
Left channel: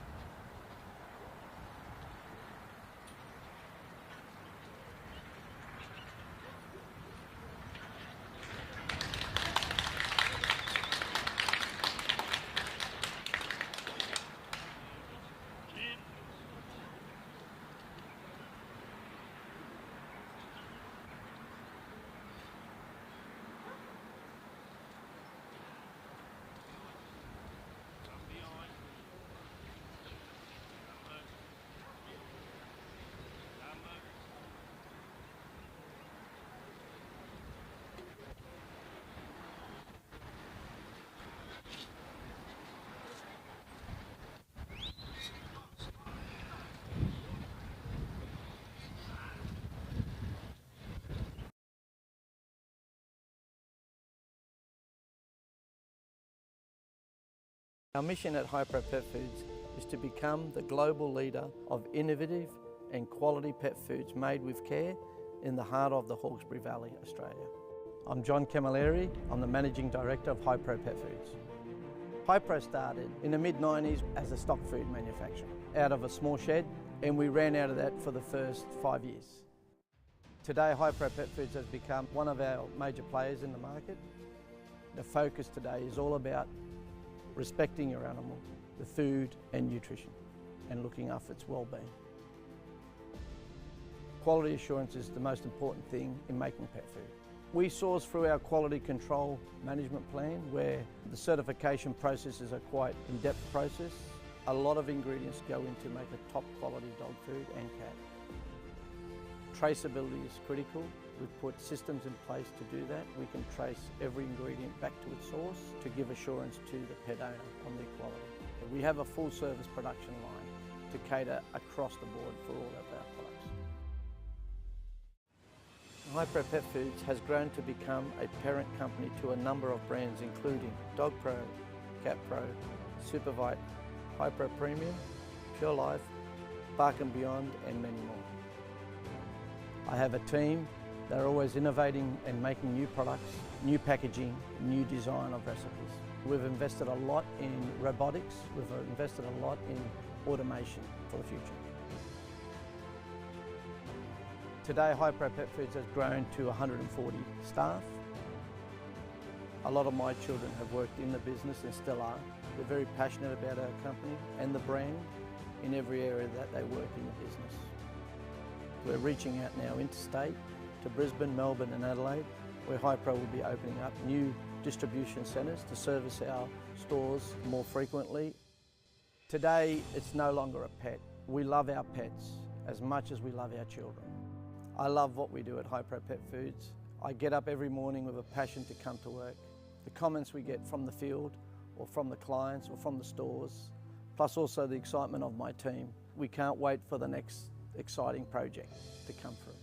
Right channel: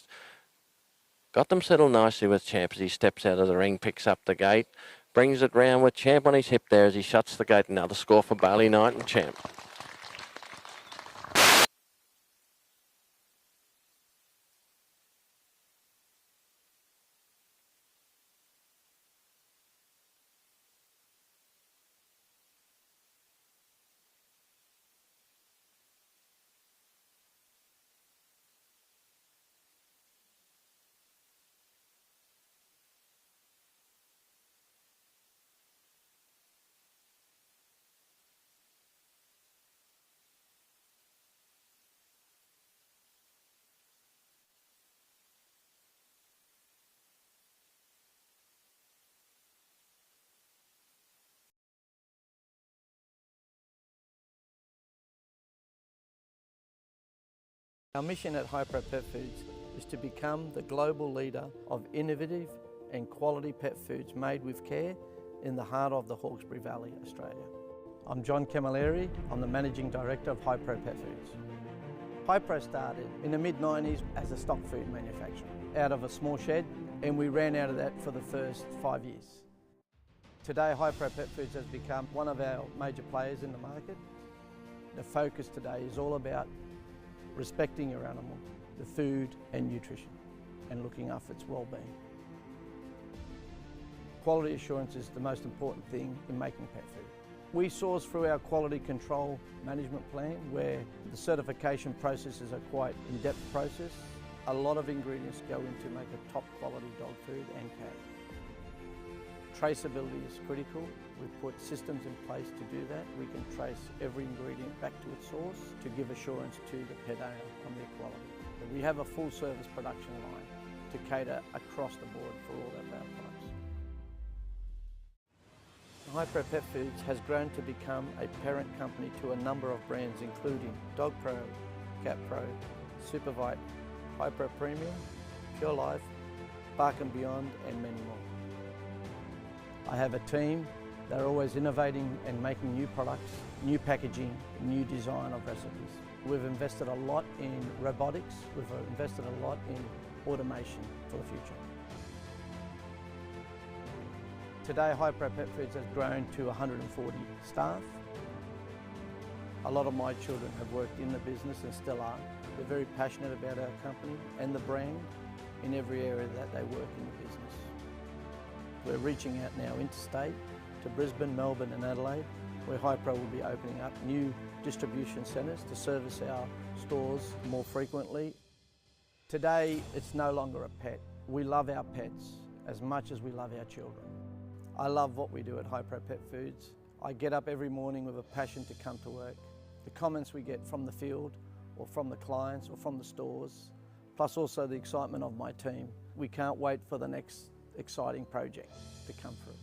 got them settled nicely with Champ as he steps out of the ring, picks up the gate, brings it round with Champ on his hip there as he shuts the gate. Another score for Bailey Knight and Champ. Our mission at Hypro Pet Foods is to become the global leader of innovative and quality pet foods made with care in the heart of the Hawkesbury Valley, Australia. I'm John Camilleri. I'm the Managing Director of Hypro Pet Foods. Hypro started in the mid-90s as a stock food manufacturer out of a small shed, and we ran out of that for the first 5 years. Today, Hypro Pet Foods has become one of our major players in the market. The focus today is all about respecting your animal, the food and nutrition, and looking after its well-being. Quality assurance is the most important thing in making pet food. We source through our quality control management plan, where the certification processes are quite in-depth process. A lot of ingredients go into make a top quality dog food and cat. Traceability is critical. We've put systems in place to do that. We can trace every ingredient back to its source to give assurance to the pet owner on their quality. We have a full service production line to cater across the board for all of our products. Hypro Pet Foods has grown to become a parent company to a number of brands including Dogpro, CatPro, Supervite, Hypro Premium, Pure Life, Bark & Beyond and many more. I have a team. They're always innovating and making new products, new packaging, new design of recipes. We've invested a lot in robotics, we've invested a lot in automation for the future. Today, Hypro Pet Foods has grown to 140 staff. A lot of my children have worked in the business and still are. They're very passionate about our company and the brand in every area that they work in the business. We're reaching out now interstate to Brisbane, Melbourne and Adelaide, where Hypro will be opening up new distribution centres to service our stores more frequently. Today, it's no longer a pet. We love our pets as much as we love our children. I love what we do at Hypro Pet Foods. I get up every morning with a passion to come to work. The comments we get from the field or from the clients or from the stores, plus also the excitement of my team. We can't wait for the next exciting project to come through.